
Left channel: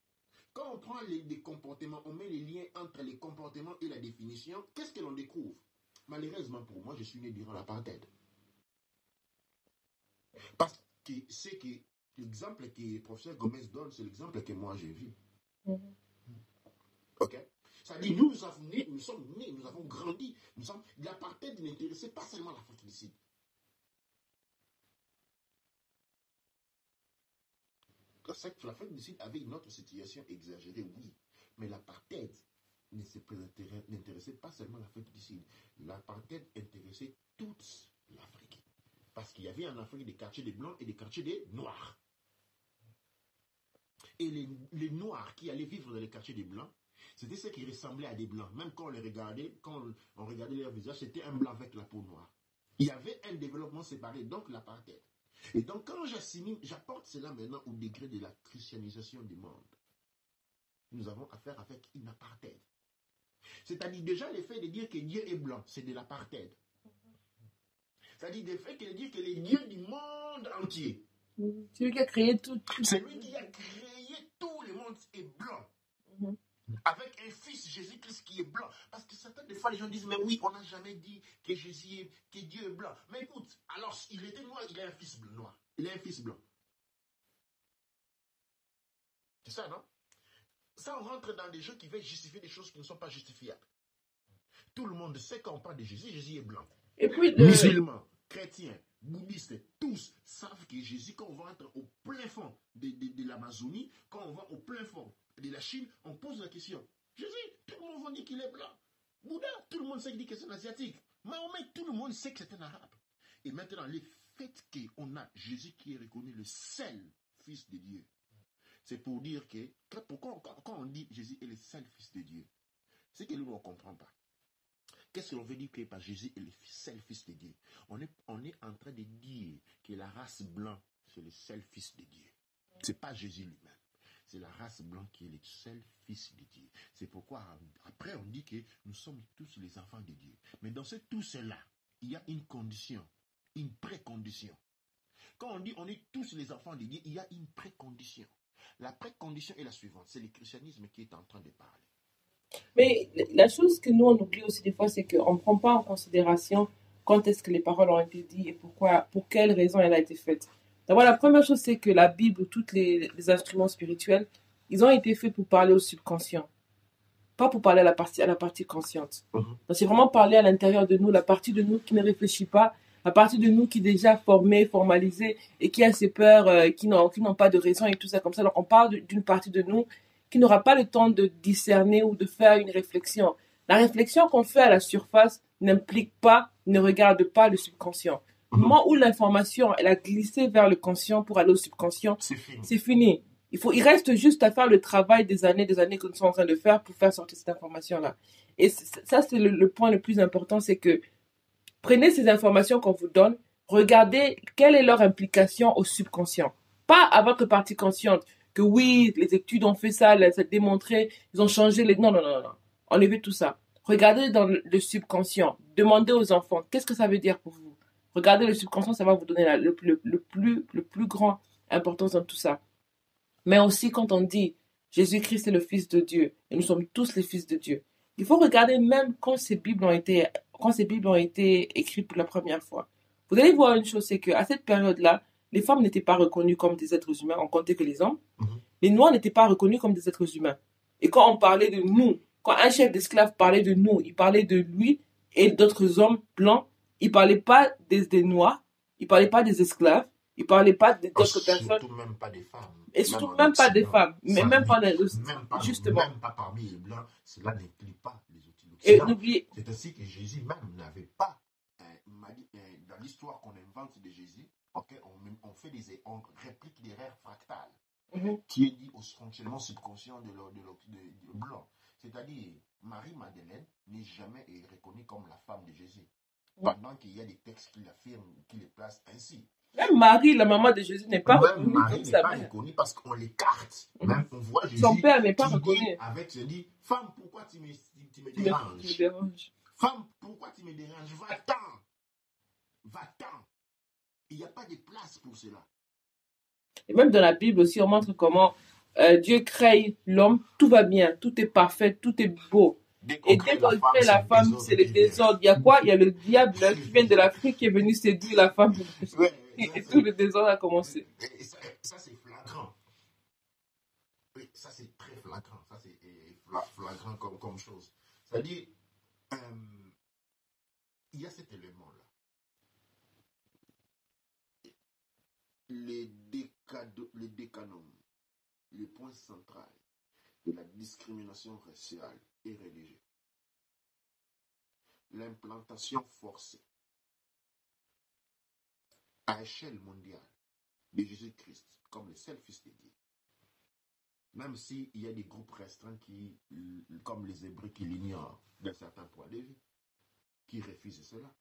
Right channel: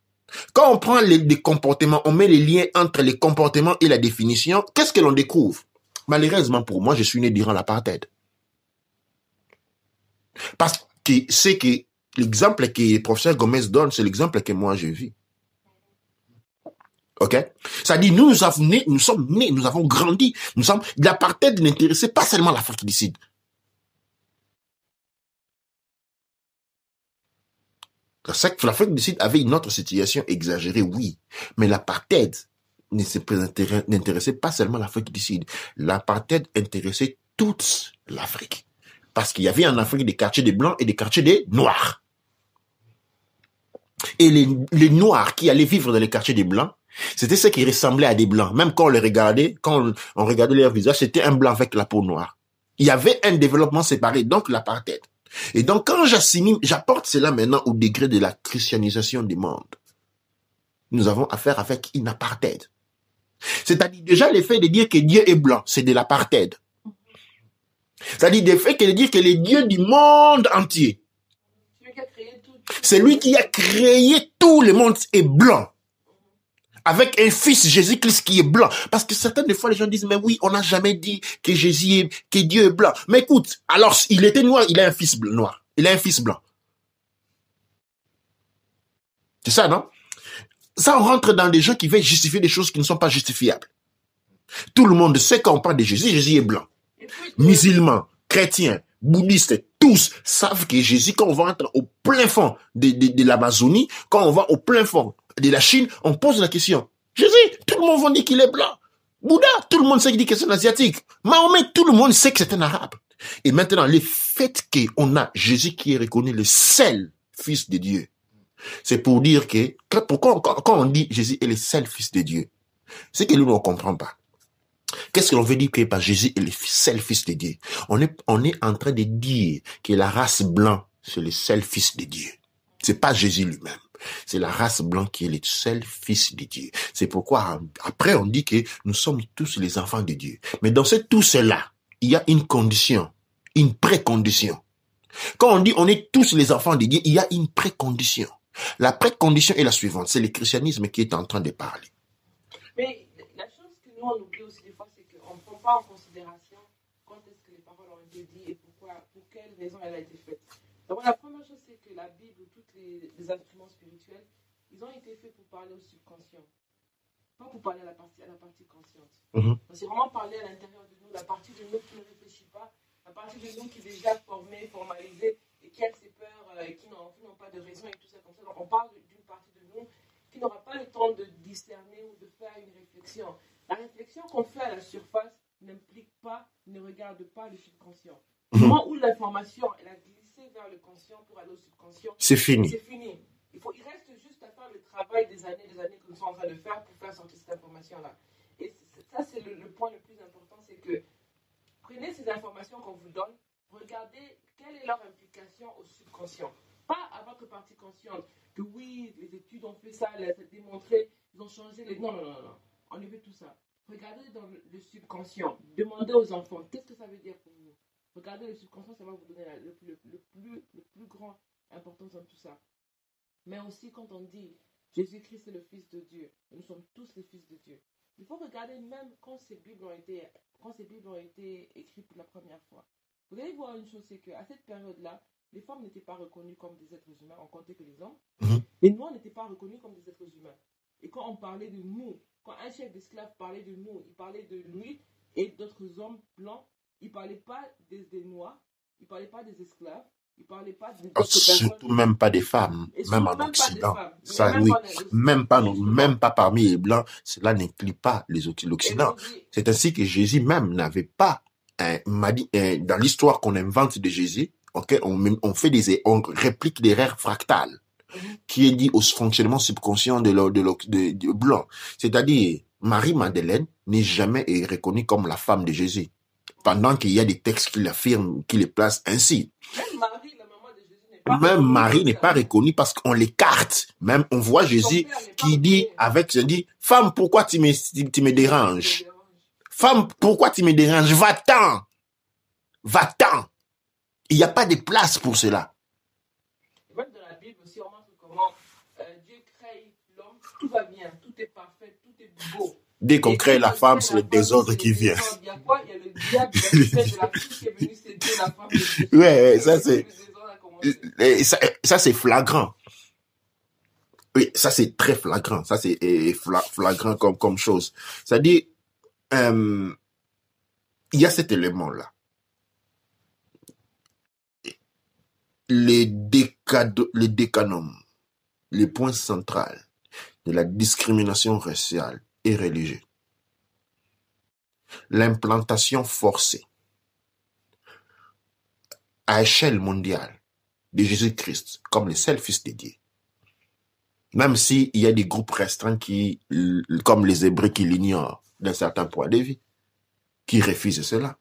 Quand on prend les comportements, on met les liens entre les comportements et la définition, qu'est-ce que l'on découvre? Malheureusement pour moi, je suis né durant l'apartheid. Parce que c'est que l'exemple que le professeur Gomez donne, c'est l'exemple que moi je vis. Ok? Ça dit, nous sommes nés, nous avons grandi. L'apartheid n'intéressait pas seulement l'Afrique du Sud. L'Afrique du Sud avait une autre situation exagérée, oui. Mais l'apartheid n'intéressait pas seulement l'Afrique du Sud. L'apartheid intéressait toute l'Afrique. Parce qu'il y avait en Afrique des quartiers des Blancs et des quartiers des Noirs. Et les Noirs qui allaient vivre dans les quartiers des Blancs, c'était ceux qui ressemblaient à des Blancs. Même quand on les regardait, quand on regardait leur visage, c'était un Blanc avec la peau noire. Il y avait un développement séparé, donc l'apartheid. Et donc, quand j'apporte cela maintenant au degré de la christianisation du monde, nous avons affaire avec une apartheid. C'est-à-dire déjà le fait de dire que Dieu est blanc, c'est de l'apartheid. C'est-à-dire le fait de dire que le Dieu du monde entier, c'est lui qui a créé tout. C'est lui qui a créé tout le monde est blanc. Avec un fils Jésus-Christ qui est blanc. Parce que certaines fois, les gens disent, mais oui, on n'a jamais dit que que Dieu est blanc. Mais écoute, alors, il était noir, il a un fils noir. Il a un fils blanc. C'est ça, non? Ça, on rentre dans des gens qui veulent justifier des choses qui ne sont pas justifiables. Tout le monde sait quand on parle de Jésus, Jésus est blanc. Et puis, musulmans, chrétiens, bouddhistes, tous savent que Jésus, quand on va entrer au plein fond de l'Amazonie, quand on va au plein fond de la Chine, on pose la question. Jésus, tout le monde va dire qu'il est blanc. Bouddha, tout le monde sait qu'il dit que c'est un asiatique. Mahomet, tout le monde sait que c'est un arabe. Et maintenant, le fait qu'on a Jésus qui est reconnu le seul fils de Dieu, c'est pour dire que, quand on dit Jésus est le seul fils de Dieu, c'est que nous ne comprenons pas. Qu'est-ce que l'on veut dire que Jésus est le seul fils de Dieu? On est en train de dire que la race blanche, c'est le seul fils de Dieu. C'est pas Jésus lui-même. C'est la race blanche qui est le seul fils de Dieu. C'est pourquoi, après, on dit que nous sommes tous les enfants de Dieu. Mais dans tout cela, il y a une condition, une précondition. Quand on dit on est tous les enfants de Dieu, il y a une précondition. La précondition est la suivante. C'est le christianisme qui est en train de parler. Mais la chose que nous, on oublie aussi des fois, c'est qu'on ne prend pas en considération quand est-ce que les paroles ont été dites et pour quelle raison elle a été faite. D'abord, la première chose, c'est que la Bible ou tous les instruments spirituels, ils ont été faits pour parler au subconscient, pas pour parler à la partie consciente. Donc, c'est vraiment parler à l'intérieur de nous, la partie de nous qui ne réfléchit pas, la partie de nous qui est déjà formée, formalisée et qui a ses peurs, qui n'ont pas de raison et tout ça comme ça. Donc, on parle d'une partie de nous qui n'aura pas le temps de discerner ou de faire une réflexion. La réflexion qu'on fait à la surface n'implique pas, ne regarde pas le subconscient. Du moment où l'information, elle a glissé vers le conscient pour aller au subconscient, c'est fini. C'est fini. Il reste juste à faire le travail des années que nous sommes en train de faire pour faire sortir cette information-là. Et ça, c'est le point le plus important, c'est que prenez ces informations qu'on vous donne, regardez quelle est leur implication au subconscient. Pas à votre partie consciente, que oui, les études ont fait ça, ça a démontré, ils ont changé les... Non. Enlevez tout ça. Regardez dans le subconscient. Demandez aux enfants, qu'est-ce que ça veut dire pour vous? Regardez le subconscient, ça va vous donner le plus grand importance dans tout ça. Mais aussi quand on dit Jésus-Christ est le Fils de Dieu et nous sommes tous les fils de Dieu, il faut regarder même quand ces Bibles ont été écrites pour la première fois. Vous allez voir une chose, c'est qu'à cette période-là, les femmes n'étaient pas reconnues comme des êtres humains, on comptait que les hommes. Les Noirs n'étaient pas reconnus comme des êtres humains. Et quand on parlait de nous, quand un chef d'esclave parlait de nous, il parlait de lui et d'autres hommes blancs, il ne parlait pas des Noirs, il ne parlait pas des esclaves, Il ne parlait pas d'autres personnes. Surtout même pas des femmes. Et surtout même pas des femmes. Ça, même, oui. Même pas parmi les Blancs. Cela n'inclut pas les autres l'Occident. C'est ainsi que Jésus même n'avait pas, dans l'histoire qu'on invente de Jésus, okay, on réplique des règles fractales qui est dit au fonctionnement subconscient de Blanc. C'est-à-dire, Marie-Madeleine n'est jamais reconnue comme la femme de Jésus. Pendant qu'il y a des textes qui l'affirment, qui les placent ainsi. Même Marie, la maman de Jésus, n'est pas reconnue. Même Marie n'est pas reconnue parce qu'on l'écarte. Même on voit Jésus qui dit femme, pourquoi tu me déranges? Femme, pourquoi tu me déranges? Va-t'en. Va-t'en. Il n'y a pas de place pour cela. Et même dans la Bible aussi, on montre comment Dieu crée l'homme, tout va bien, tout est parfait, tout est beau. Dès qu'on crée la femme, c'est le désordre qui vient. Il y a quoi? Il y a le diable qui vient de l'Afrique qui est venu séduire la femme. Ouais, ça c'est. Le désordre a commencé. Ça c'est flagrant. Oui, ça c'est très flagrant. Ça c'est flagrant comme chose. C'est-à-dire, il y a cet élément-là. Les décanums, les points centraux de la discrimination raciale et religieuse. L'implantation forcée à échelle mondiale de Jésus-Christ comme le seul Fils de Dieu. Même s'il y a des groupes restreints comme les Hébreux qui l'ignorent d'un certain point de vue, qui refusent cela.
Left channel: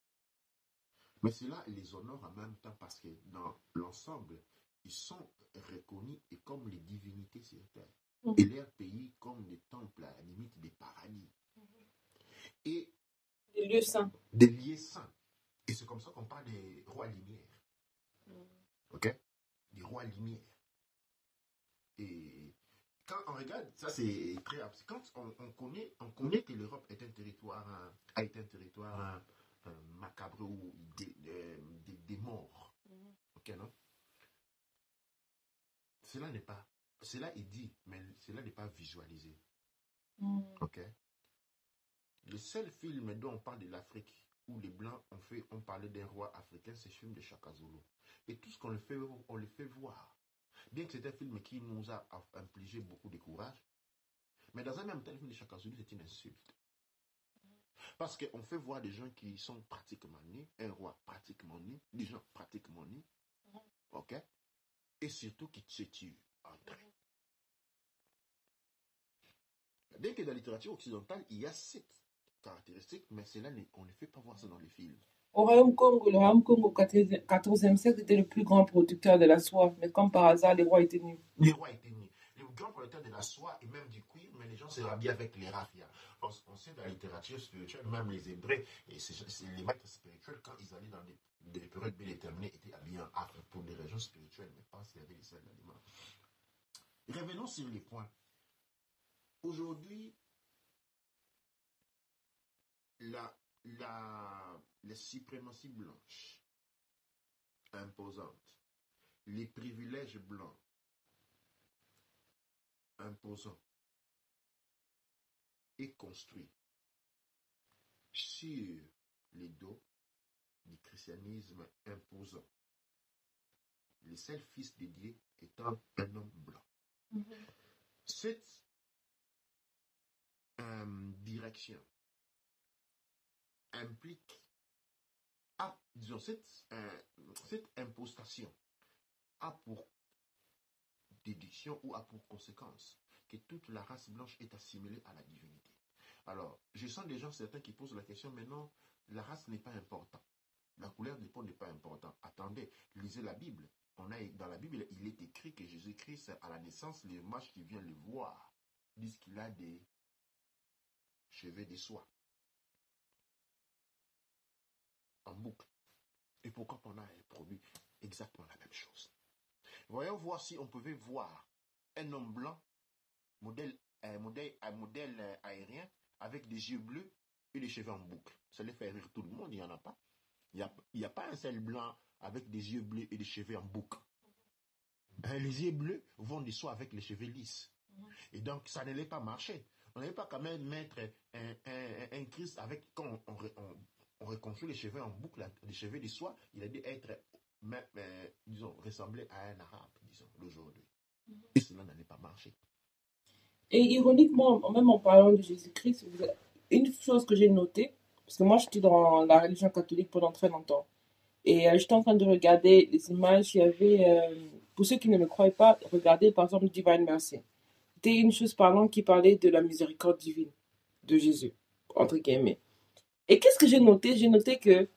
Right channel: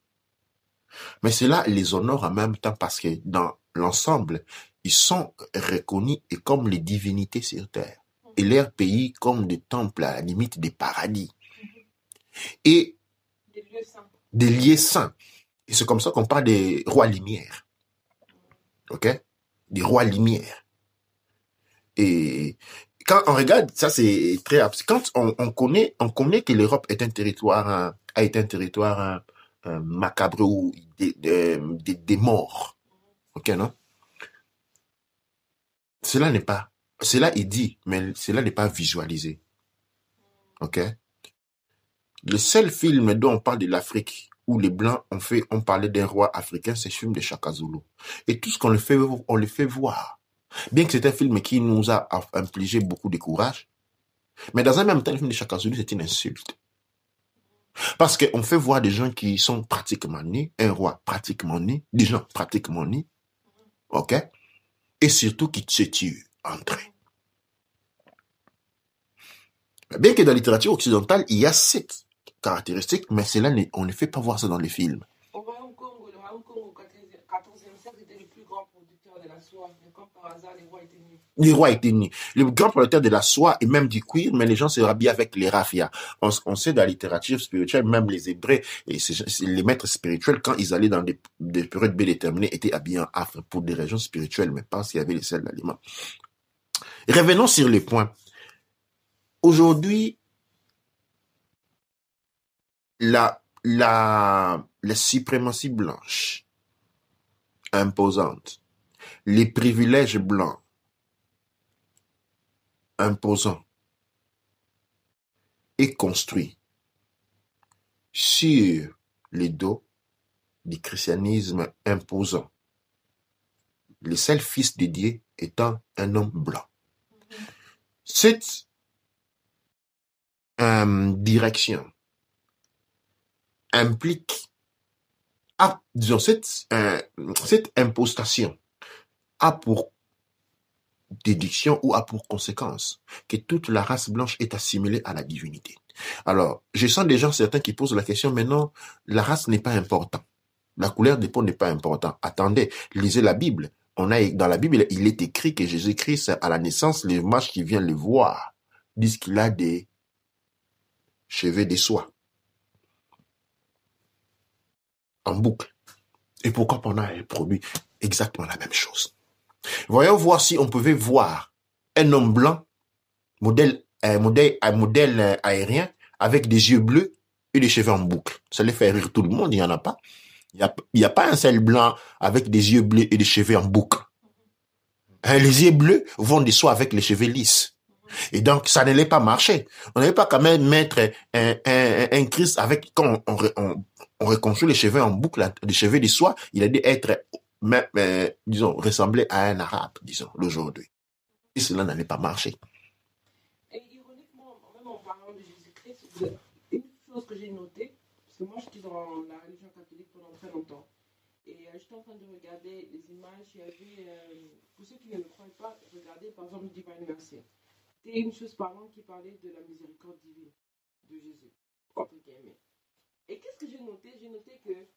Mais cela les honore en même temps parce que dans l'ensemble, ils sont reconnus et comme les divinités sur terre. Et leur pays comme des temples à la limite des paradis. Et des lieux saints. Des lieux saints. Et c'est comme ça qu'on parle des rois lumière. OK? Des rois lumière. Et quand on regarde, ça c'est très absurde. Quand on connaît que l'Europe est un territoire, a été un territoire macabre ou des morts. OK, non? Cela est dit, mais cela n'est pas visualisé. OK? Le seul film dont on parle de l'Afrique, où les Blancs ont parlé d'un roi africain, c'est le film de Shaka Zulu. Et tout ce qu'on le fait voir. Bien que c'est un film qui nous a infligé beaucoup de courage, mais dans un même temps, le film de Shaka Zulu, c'est une insulte. Parce qu'on fait voir des gens qui sont pratiquement nés, un roi pratiquement né, des gens pratiquement nés, OK? Et surtout qui se tuent entre eux. Bien que dans la littérature occidentale, il y a cette caractéristique, mais on ne fait pas voir ça dans les films. Le Royaume Congo au XIVe siècle était le plus grand producteur de la soie, mais comme par hasard, les rois étaient nus. Les rois étaient nus. Le grand producteur de la soie et même du cuir, mais les gens se rhabillent avec les raffias. On sait dans la littérature spirituelle, même les Hébreux et les maîtres spirituels, quand ils allaient dans des périodes bien déterminées, étaient habillés en affre pour des raisons spirituelles, mais pas s'il y avait les sels d'aliments. Revenons sur les points. Aujourd'hui, la suprématie blanche imposante, les privilèges blancs imposants est construit sur les dos du christianisme imposant. Le seul fils de Dieu étant un homme blanc. Cette direction implique, disons, cette impostation a pour déduction ou a pour conséquence que toute la race blanche est assimilée à la divinité. Alors, je sens des gens certains qui posent la question, mais non, la race n'est pas importante. La couleur des peaux n'est pas importante. Attendez, lisez la Bible. Dans la Bible, il est écrit que Jésus-Christ, à la naissance, les mages qui viennent le voir disent qu'il a des cheveux de soie en boucle. Et pourquoi pendant un produit exactement la même chose? Voyons voir si on pouvait voir un homme blanc, modèle aérien, avec des yeux bleus et des cheveux en boucle. Ça les fait rire tout le monde, il n'y en a pas. Il n'y a pas un seul blanc avec des yeux bleus et des cheveux en boucle. Les yeux bleus vont de soi avec les cheveux lisses. Et donc, ça n'allait pas marcher. On n'allait pas quand même mettre un Christ avec, quand on reconstruit les cheveux en boucle, les cheveux de soie, il a dû être disons, ressembler à un arabe, disons, d'aujourd'hui. Et cela n'allait pas marcher. Et ironiquement, même en parlant de Jésus-Christ, une chose que j'ai notée, parce que moi j'étais dans la religion catholique pendant très longtemps, et j'étais en train de regarder les images, il y avait, pour ceux qui ne me croient pas, regardez par exemple Divine Mercy. C'était une chose parlante qui parlait de la miséricorde divine de Jésus, entre guillemets. Et qu'est-ce que j'ai noté? J'ai noté que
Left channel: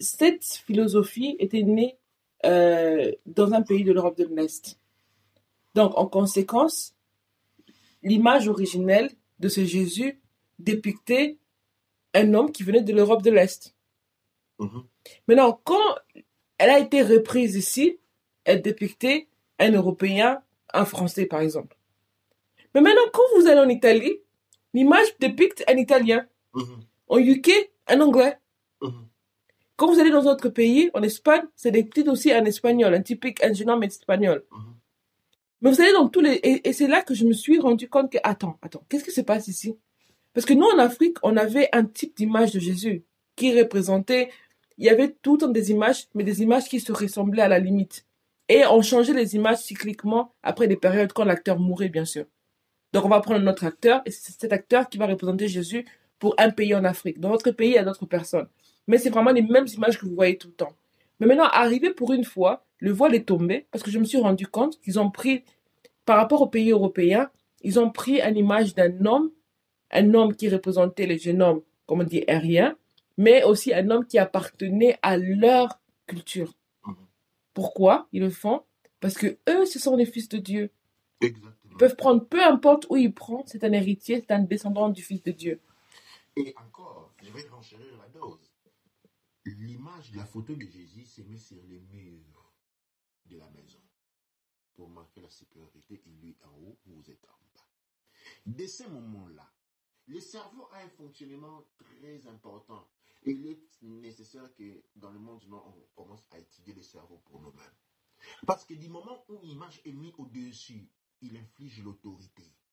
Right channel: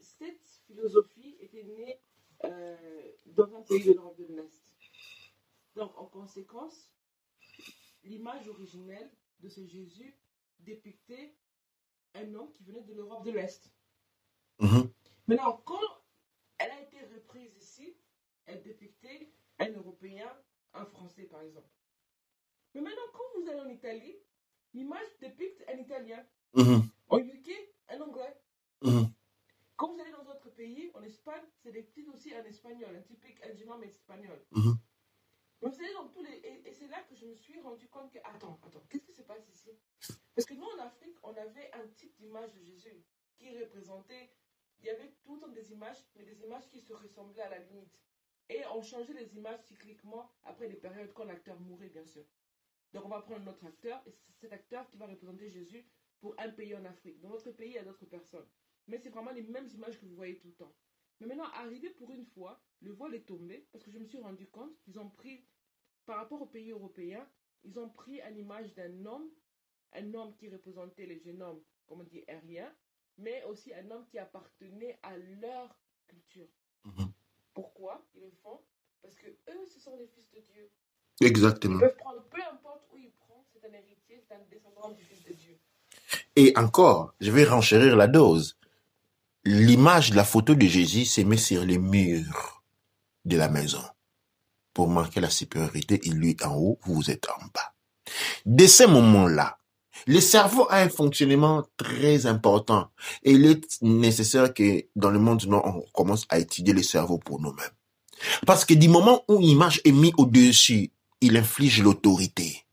cette philosophie était née dans un pays de l'Europe de l'Est. Donc, en conséquence, l'image originelle de ce Jésus dépictait un homme qui venait de l'Europe de l'Est. Maintenant, quand elle a été reprise ici, elle dépictait un Européen, un Français, par exemple. Mais maintenant, quand vous allez en Italie, l'image dépicte un Italien. En UK, un Anglais. Quand vous allez dans d'autres pays, en Espagne, c'est dépicté aussi un Espagnol, un typique, un jeune homme espagnol. Mais vous allez dans tous les... Et c'est là que je me suis rendu compte que, attends, qu'est-ce qui se passe ici? Parce que nous, en Afrique, on avait un type d'image de Jésus qui représentait... Il y avait tout le temps des images, mais des images qui se ressemblaient à la limite. Et on changeait les images cycliquement après des périodes quand l'acteur mourait, bien sûr. Donc, on va prendre notre acteur, et c'est cet acteur qui va représenter Jésus pour un pays en Afrique. Dans notre pays, il y a d'autres personnes. Mais c'est vraiment les mêmes images que vous voyez tout le temps. Mais maintenant, arrivé pour une fois, le voile est tombé, parce que je me suis rendu compte qu'ils ont pris, par rapport aux pays européens, ils ont pris une image d'un homme, un homme qui représentait les jeunes hommes, comme on dit, aériens, mais aussi un homme qui appartenait à leur culture. Pourquoi ils le font? Parce que eux, ce sont les fils de Dieu. Exactement. Ils peuvent prendre, peu importe où ils prennent, c'est un héritier, c'est un descendant du Fils de Dieu. Et encore, je vais renchérir la dose. L'image de la photo de Jésus s'est mise sur les murs de la maison pour marquer la supériorité. Et lui en haut, vous êtes en bas. Dès ce moment-là, le cerveau a un fonctionnement très important. Et il est nécessaire que dans le monde, on commence à étudier le cerveau pour nous-mêmes. Parce que du moment où l'image est mise au-dessus, il inflige l'autorité.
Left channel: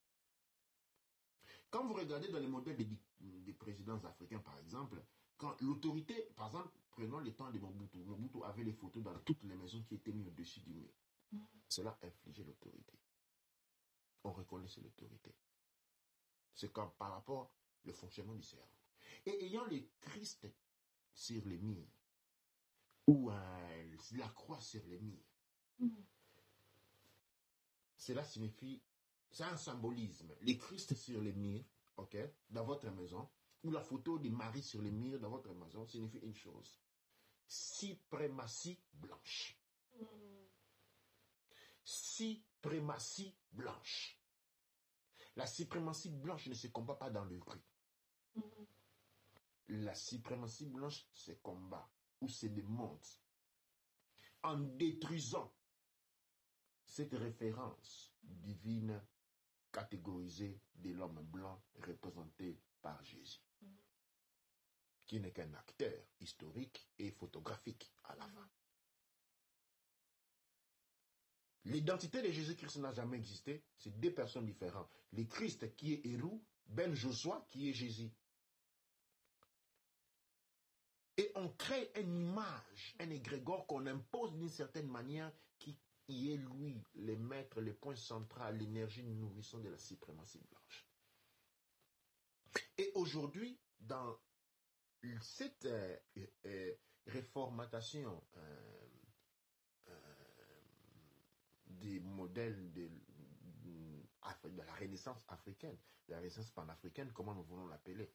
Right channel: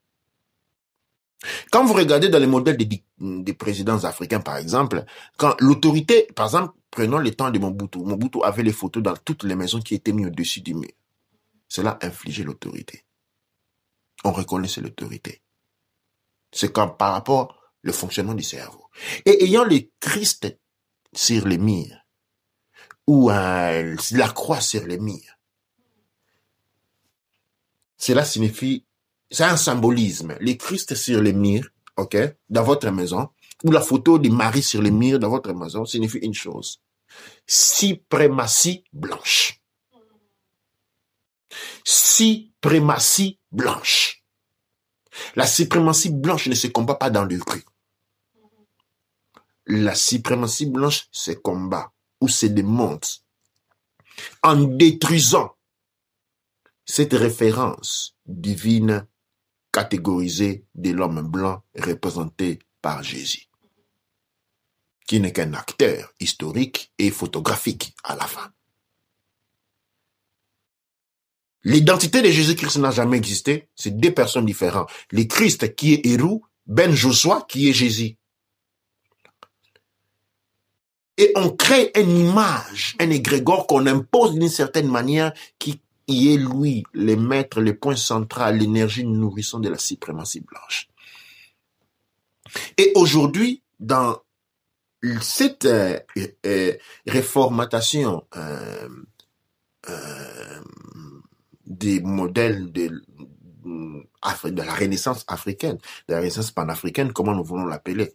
Quand vous regardez dans les modèles des présidents africains, par exemple, quand l'autorité, par exemple, prenons le temps de Mobutu. Mobutu avait les photos dans toutes les maisons qui étaient mises au-dessus du mur. Cela infligeait l'autorité. On reconnaissait l'autorité. C'est comme par rapport au fonctionnement du cerveau. Et ayant le Christ sur les murs, ou la croix sur les murs, cela signifie, c'est un symbolisme. Le Christ sur les murs, ok, dans votre maison, ou la photo de Marie sur les murs dans votre maison, signifie une chose. Suprématie blanche. Suprématie blanche. La suprématie blanche ne se combat pas dans le rue. La suprématie blanche se combat ou se démonte en détruisant cette référence divine catégorisée de l'homme blanc représenté par Jésus, qui n'est qu'un acteur historique et photographique à la fin. L'identité de Jésus-Christ n'a jamais existé. C'est deux personnes différentes. Le Christ qui est Hérou, Ben Joshua qui est Jésus. Et on crée une image, un égrégore qu'on impose d'une certaine manière qui est lui, le maître, le point central, l'énergie nourrissante de la suprématie blanche. Et aujourd'hui, dans cette réformatation des modèles de la Renaissance africaine, de la Renaissance panafricaine, comment nous voulons l'appeler.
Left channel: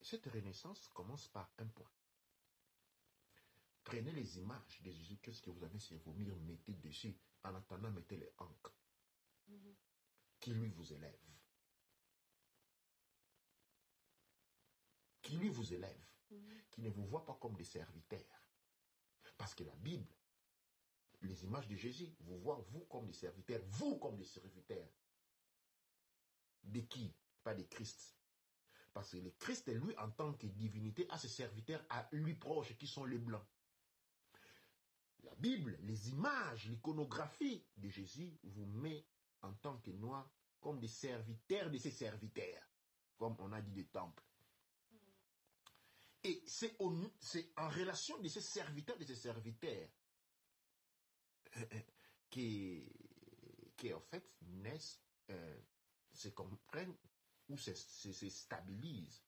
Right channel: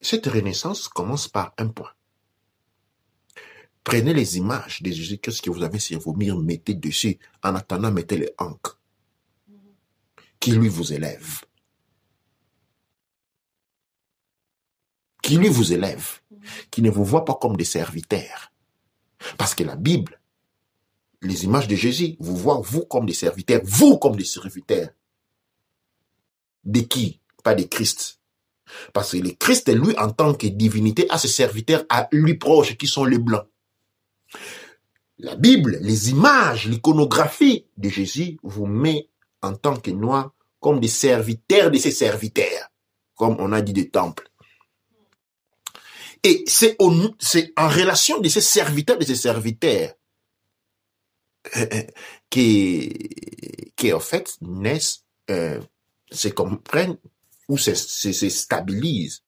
Cette Renaissance commence par un point. Prenez les images de Jésus-Christ que vous avez sur vos murs, mettez dessus, en attendant, mettez les ancres qui lui vous élève. Qui lui vous élève, qui ne vous voit pas comme des serviteurs. Parce que la Bible, les images de Jésus, vous voient vous comme des serviteurs, vous comme des serviteurs. De qui? Pas de Christ. Parce que le Christ, lui, en tant que divinité, a ses serviteurs à lui proches, qui sont les Blancs. La Bible, les images, l'iconographie de Jésus vous met en tant que Noirs comme des serviteurs de ses serviteurs, comme on a dit des temples. Et c'est en relation de ces serviteurs, qui en fait naissent, se comprennent ou se stabilisent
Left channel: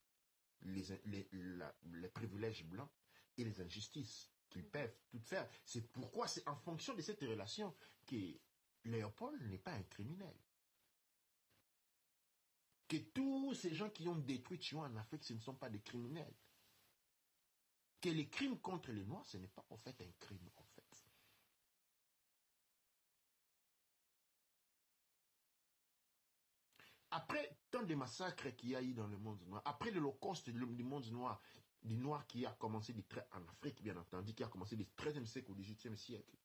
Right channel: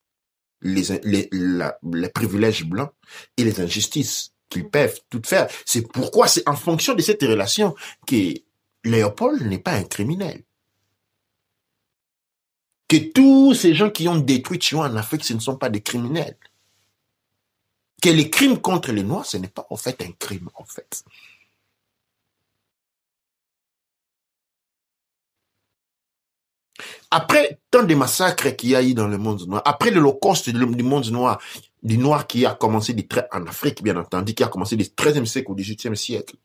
les privilèges blancs et les injustices qu'ils peuvent toutes faire. C'est pourquoi c'est en fonction de cette relation que Léopold n'est pas un criminel. Que tous ces gens qui ont détruit Chihuahua en Afrique, ce ne sont pas des criminels. Que les crimes contre les Noirs, ce n'est pas en fait un crime, en fait. Après tant de massacres qu'il y a eu dans le monde noir, après l'Holocauste du monde noir, du noir qui a commencé en Afrique, bien entendu, qui a commencé du XIIIe siècle au XVIIIe siècle,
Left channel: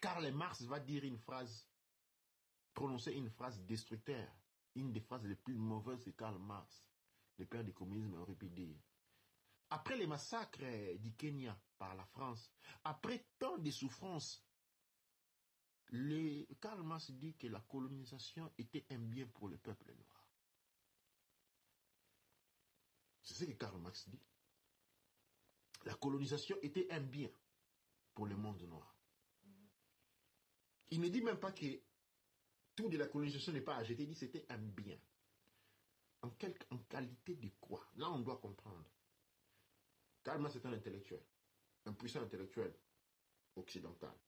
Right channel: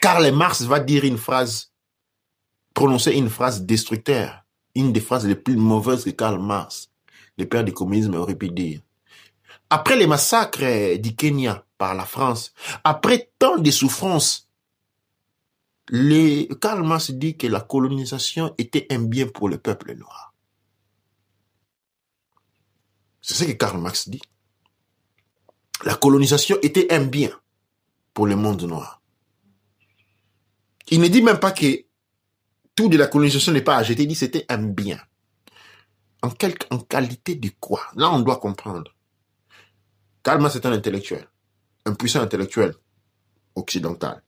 Karl Marx va dire prononcer une phrase destructeur, une des phrases les plus mauvaises que Karl Marx, le père du communisme, aurait pu dire. Après les massacres du Kenya par la France, après tant de souffrances, Karl Marx dit que la colonisation était un bien pour le peuple noir. C'est ce que Karl Marx dit. La colonisation était un bien pour le monde noir. Il ne dit même pas que tout de la colonisation n'est pas à jeter, il dit que c'était un bien. En qualité de quoi? Là, on doit comprendre. Karl Marx est un intellectuel, un puissant intellectuel occidental.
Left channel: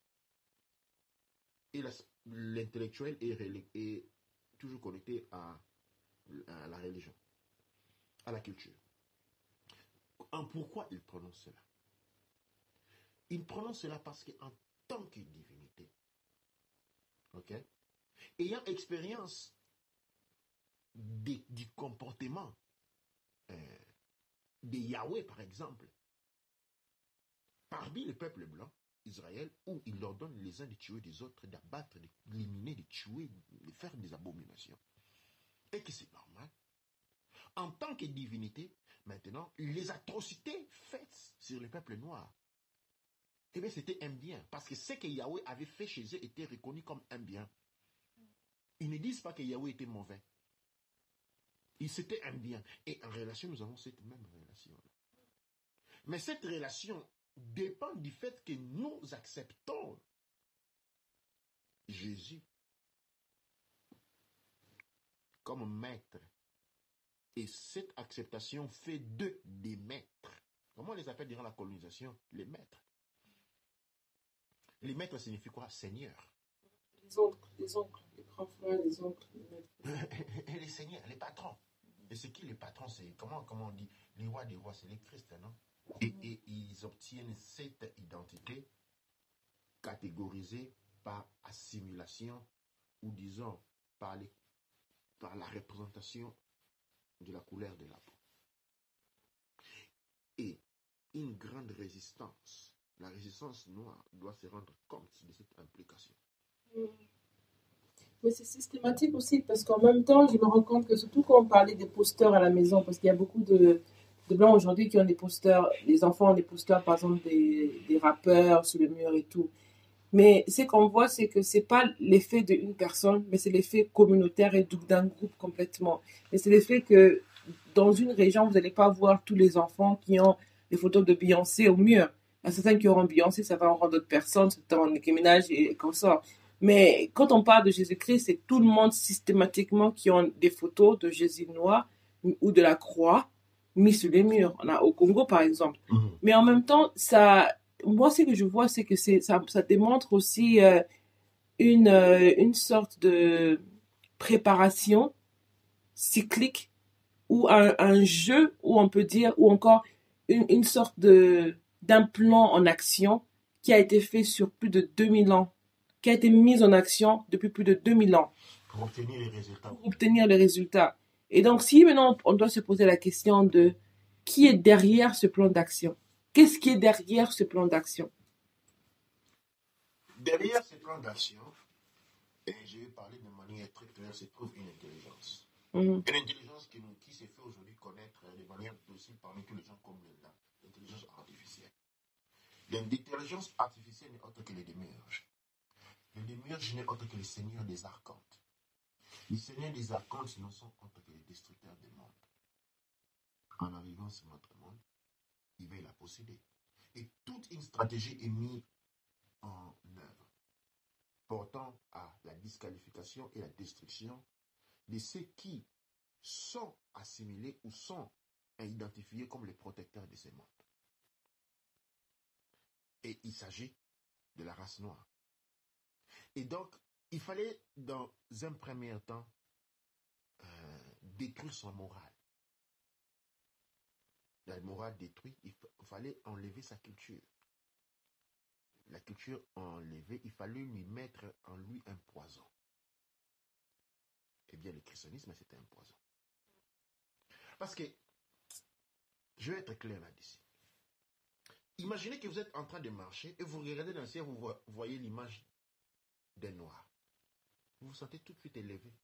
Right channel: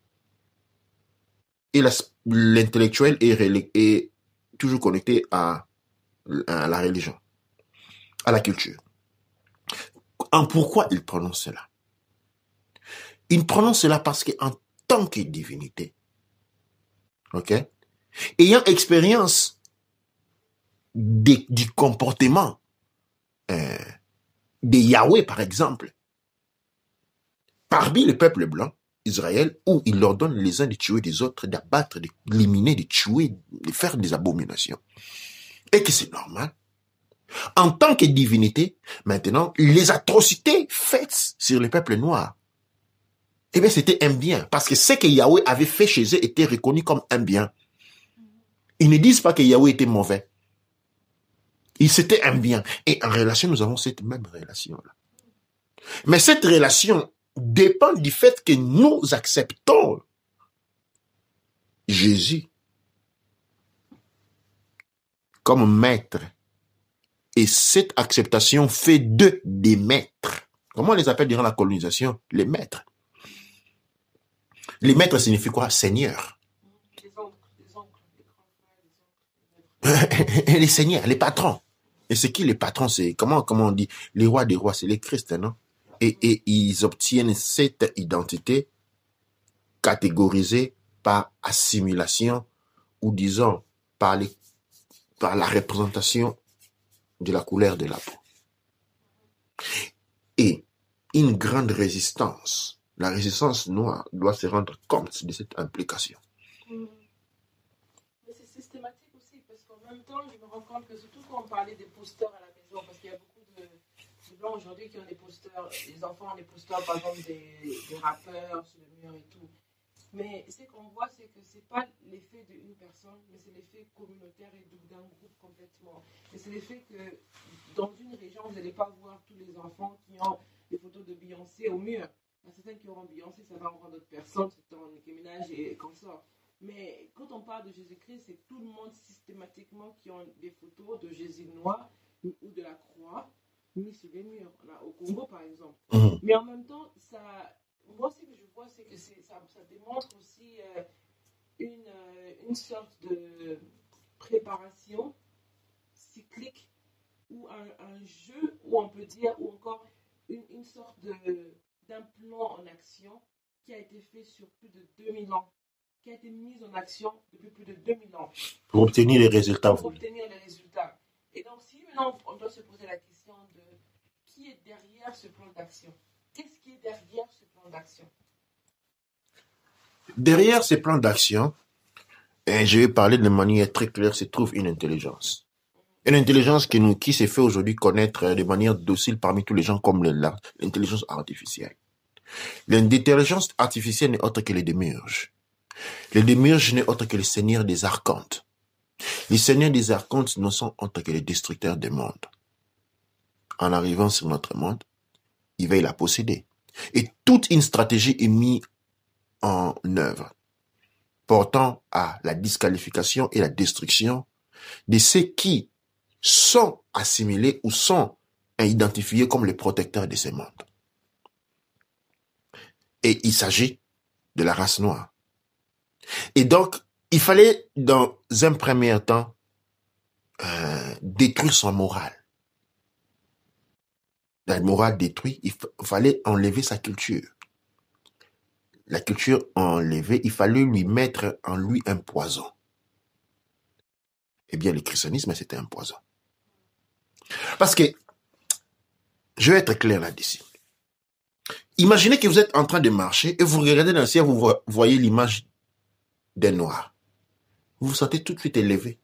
Et l'intellectuel est toujours connecté à la religion, à la culture. Pourquoi il prononce cela? Il prononce cela parce qu'en tant que divinité, ayant expérience du comportement de Yahweh, par exemple, parmi le peuple blanc, Israël, où il ordonne les uns de tuer les autres, d'abattre, d'éliminer, de tuer, de faire des abominations. Et que c'est normal. En tant que divinité, maintenant, les atrocités faites sur le peuple noir, eh bien, c'était un bien. Parce que ce que Yahweh avait fait chez eux était reconnu comme un bien. Ils ne disent pas que Yahweh était mauvais. C'était un bien. Et en relation, nous avons cette même relation-là. Mais cette relation dépend du fait que nous acceptons Jésus comme maître. Et cette acceptation fait d'eux des maîtres. Comment on les appelle durant la colonisation? Les maîtres. Les maîtres signifient quoi? Seigneur. Les oncles, les grands frères, les oncles. Les seigneurs, les patrons. Et c'est qui les patrons? C'est comment on dit? Les rois des rois, c'est les Christ, non? Et ils obtiennent cette identité catégorisée par assimilation ou disons par la représentation de la couleur de la peau. Et une grande résistance, la résistance noire doit se rendre compte de cette implication. Mais c'est systématique aussi, parce qu'en même temps, je me rends compte que surtout quand on parlait des posters à la maison, parce qu'il y a beaucoup de Blancs aujourd'hui qui ont des posters, les enfants ont des posters, par exemple, des rappeurs sur le mur et tout. Mais ce qu'on voit, c'est que ce n'est pas l'effet d'une personne, mais c'est l'effet communautaire et d'un groupe complètement. Et c'est l'effet que dans une région, vous n'allez pas voir tous les enfants qui ont des photos de Beyoncé au mur. Il y a certains qui auront Beyoncé, ça va en rendre d'autres personnes, certains Nicki Minaj et comme ça. Mais quand on parle de Jésus-Christ, c'est tout le monde systématiquement qui ont des photos de Jésus noir ou de la croix mis sur les murs. On a au Congo, par exemple. Mais en même temps, moi, ce que je vois, c'est que ça démontre aussi une sorte de préparation cyclique ou un jeu, où on peut dire, ou encore une sorte d'un plan en action qui a été fait sur plus de 2000 ans, qui a été mis en action depuis plus de 2000 ans. Pour obtenir les résultats. Pour obtenir les résultats. Et donc, si maintenant on doit se poser la question de qui est derrière ce plan d'action? Qu'est-ce qui est derrière ce plan d'action? Derrière ce plan d'action, et je vais parler de manière très claire, se trouve une intelligence. Une intelligence qui s'est fait aujourd'hui connaître de manière docile parmi tous les gens comme l'intelligence artificielle. L'intelligence artificielle n'est autre que les démiurges. Les démiurges n'est autre que les seigneurs des archontes. Les seigneurs des archontes ne sont autres que les destructeurs des mondes. en arrivant sur notre monde, il veille la posséder. Et toute une stratégie est mise en œuvre, portant à la disqualification et la destruction de ceux qui sont assimilés ou sont identifiés comme les protecteurs de ces mondes. Et il s'agit de la race noire. Et donc, il fallait, dans un premier temps, détruire son moral. La morale détruite, il fallait enlever sa culture. La culture enlevée, il fallait lui mettre en lui un poison. Eh bien, le christianisme, c'était un poison. Parce que, je vais être clair là-dessus. Imaginez que vous êtes en train de marcher et vous regardez dans le ciel, vous voyez l'image d'un noir. Vous vous sentez tout de suite élevé.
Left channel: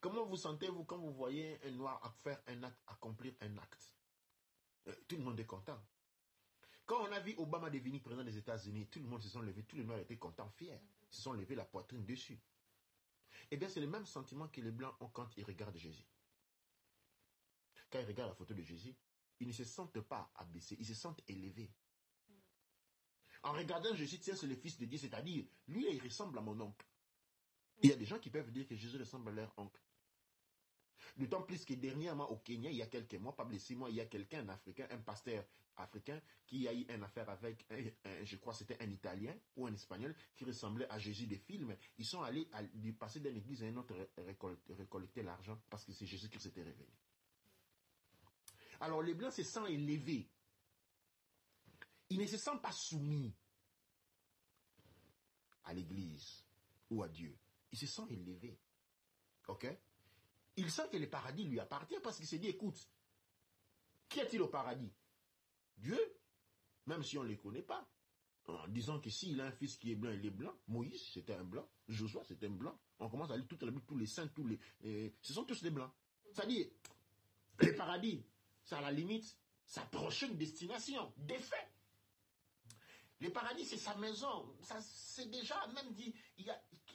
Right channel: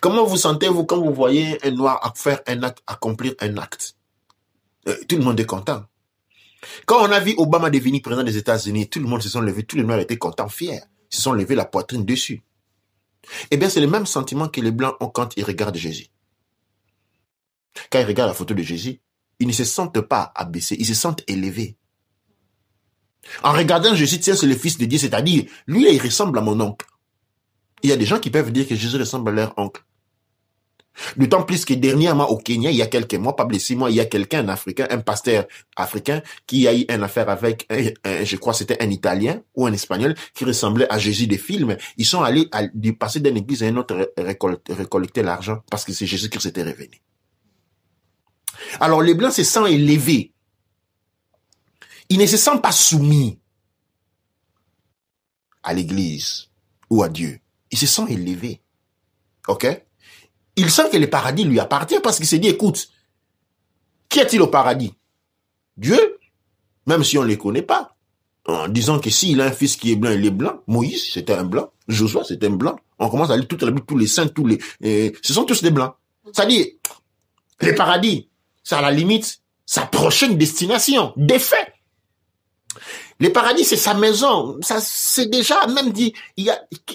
Comment vous sentez-vous quand vous voyez un noir faire un acte, accomplir un acte? Tout le monde est content. Quand on a vu Obama devenir président des États-Unis, tout le monde se sont levés, tous les noirs étaient contents, fiers. Ils se sont levés la poitrine dessus. Eh bien, c'est le même sentiment que les Blancs ont quand ils regardent Jésus. Quand ils regardent la photo de Jésus, ils ne se sentent pas abaissés, ils se sentent élevés. En regardant Jésus, tiens, c'est le Fils de Dieu, c'est-à-dire, lui, il ressemble à mon oncle. Il y a des gens qui peuvent dire que Jésus ressemble à leur oncle. D'autant plus que dernièrement au Kenya, il y a quelques mois, pas 6 mois, il y a quelqu'un, un Africain, un pasteur africain, qui a eu une affaire avec, je crois c'était un Italien ou un Espagnol, qui ressemblait à Jésus des films. Ils sont allés passer d'une église à une autre récolter l'argent parce que c'est Jésus qui s'était révélé. Alors les Blancs se sentent élevés. Ils ne se sentent pas soumis à l'église ou à Dieu. Ils se sentent élevés. OK? Il sent que le paradis lui appartient parce qu'il s'est dit, écoute, qui est-il au paradis? Dieu, même si on ne les connaît pas. En disant que s'il a un fils qui est blanc, il est blanc. Moïse, c'était un blanc. Josué, c'était un blanc. On commence à lire toute la Bible, tous les saints, ce sont tous des blancs. C'est-à-dire, le paradis, c'est à la limite sa prochaine destination, des faits. Le paradis, c'est sa maison. Ça, c'est déjà, même dit, il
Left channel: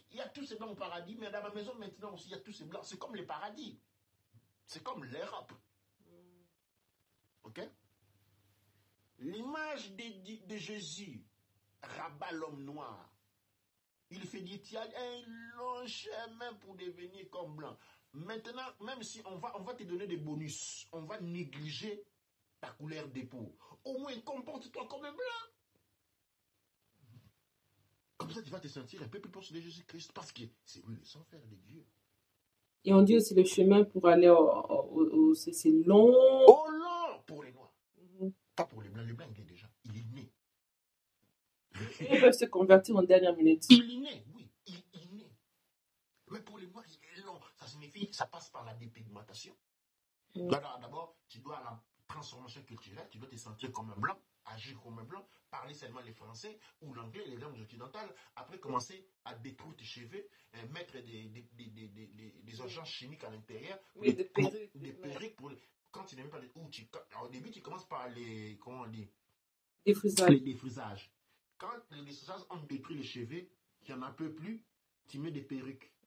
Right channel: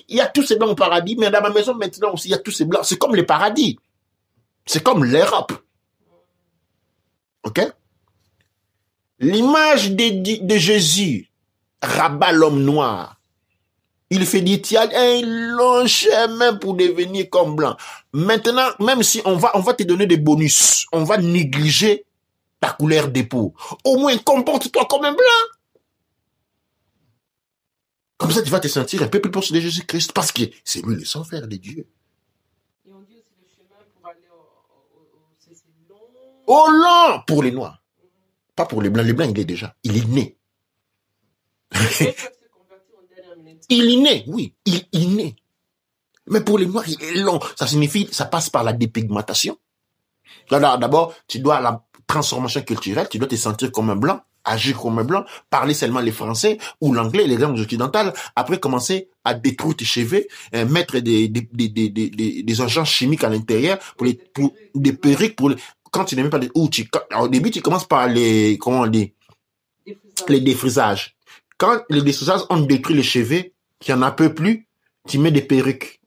y a tous ces blancs au paradis, mais dans ma maison, maintenant aussi, il y a tous ces blancs. C'est comme le paradis. C'est comme l'Europe. OK? L'image de Jésus rabat l'homme noir. Il fait dire, tu as un long chemin pour devenir comme blanc. Maintenant, même si on va te donner des bonus, on va négliger ta couleur de peau. Au moins, comporte-toi comme un blanc. Comme ça, tu vas te sentir un peu plus proche de Jésus-Christ parce que c'est lui le sang frère de Dieu. Et on dit aussi le chemin pour aller c'est long. Oh long pour les Noirs. Pas pour les Blancs. Les Blancs, il est né. Ils peuvent se convertir en dernière minute. Il est né, oui. Il est né. Mais pour les Noirs, il est long. Ça signifie, ça passe par la dépigmentation. D'abord, tu dois la transformation culturelle, tu dois te sentir comme un Blanc, agir comme un Blanc, parler seulement les Français ou l'anglais, les langues occidentales. Après, commencer à détruire tes cheveux, mettre des agents chimiques à l'intérieur, des perruques pour quand tu n'aimes pas au début, tu commences par les défrisages. Quand les défrisages ont détruit les cheveux, qu'il n'y en a peu plus, tu mets des perruques.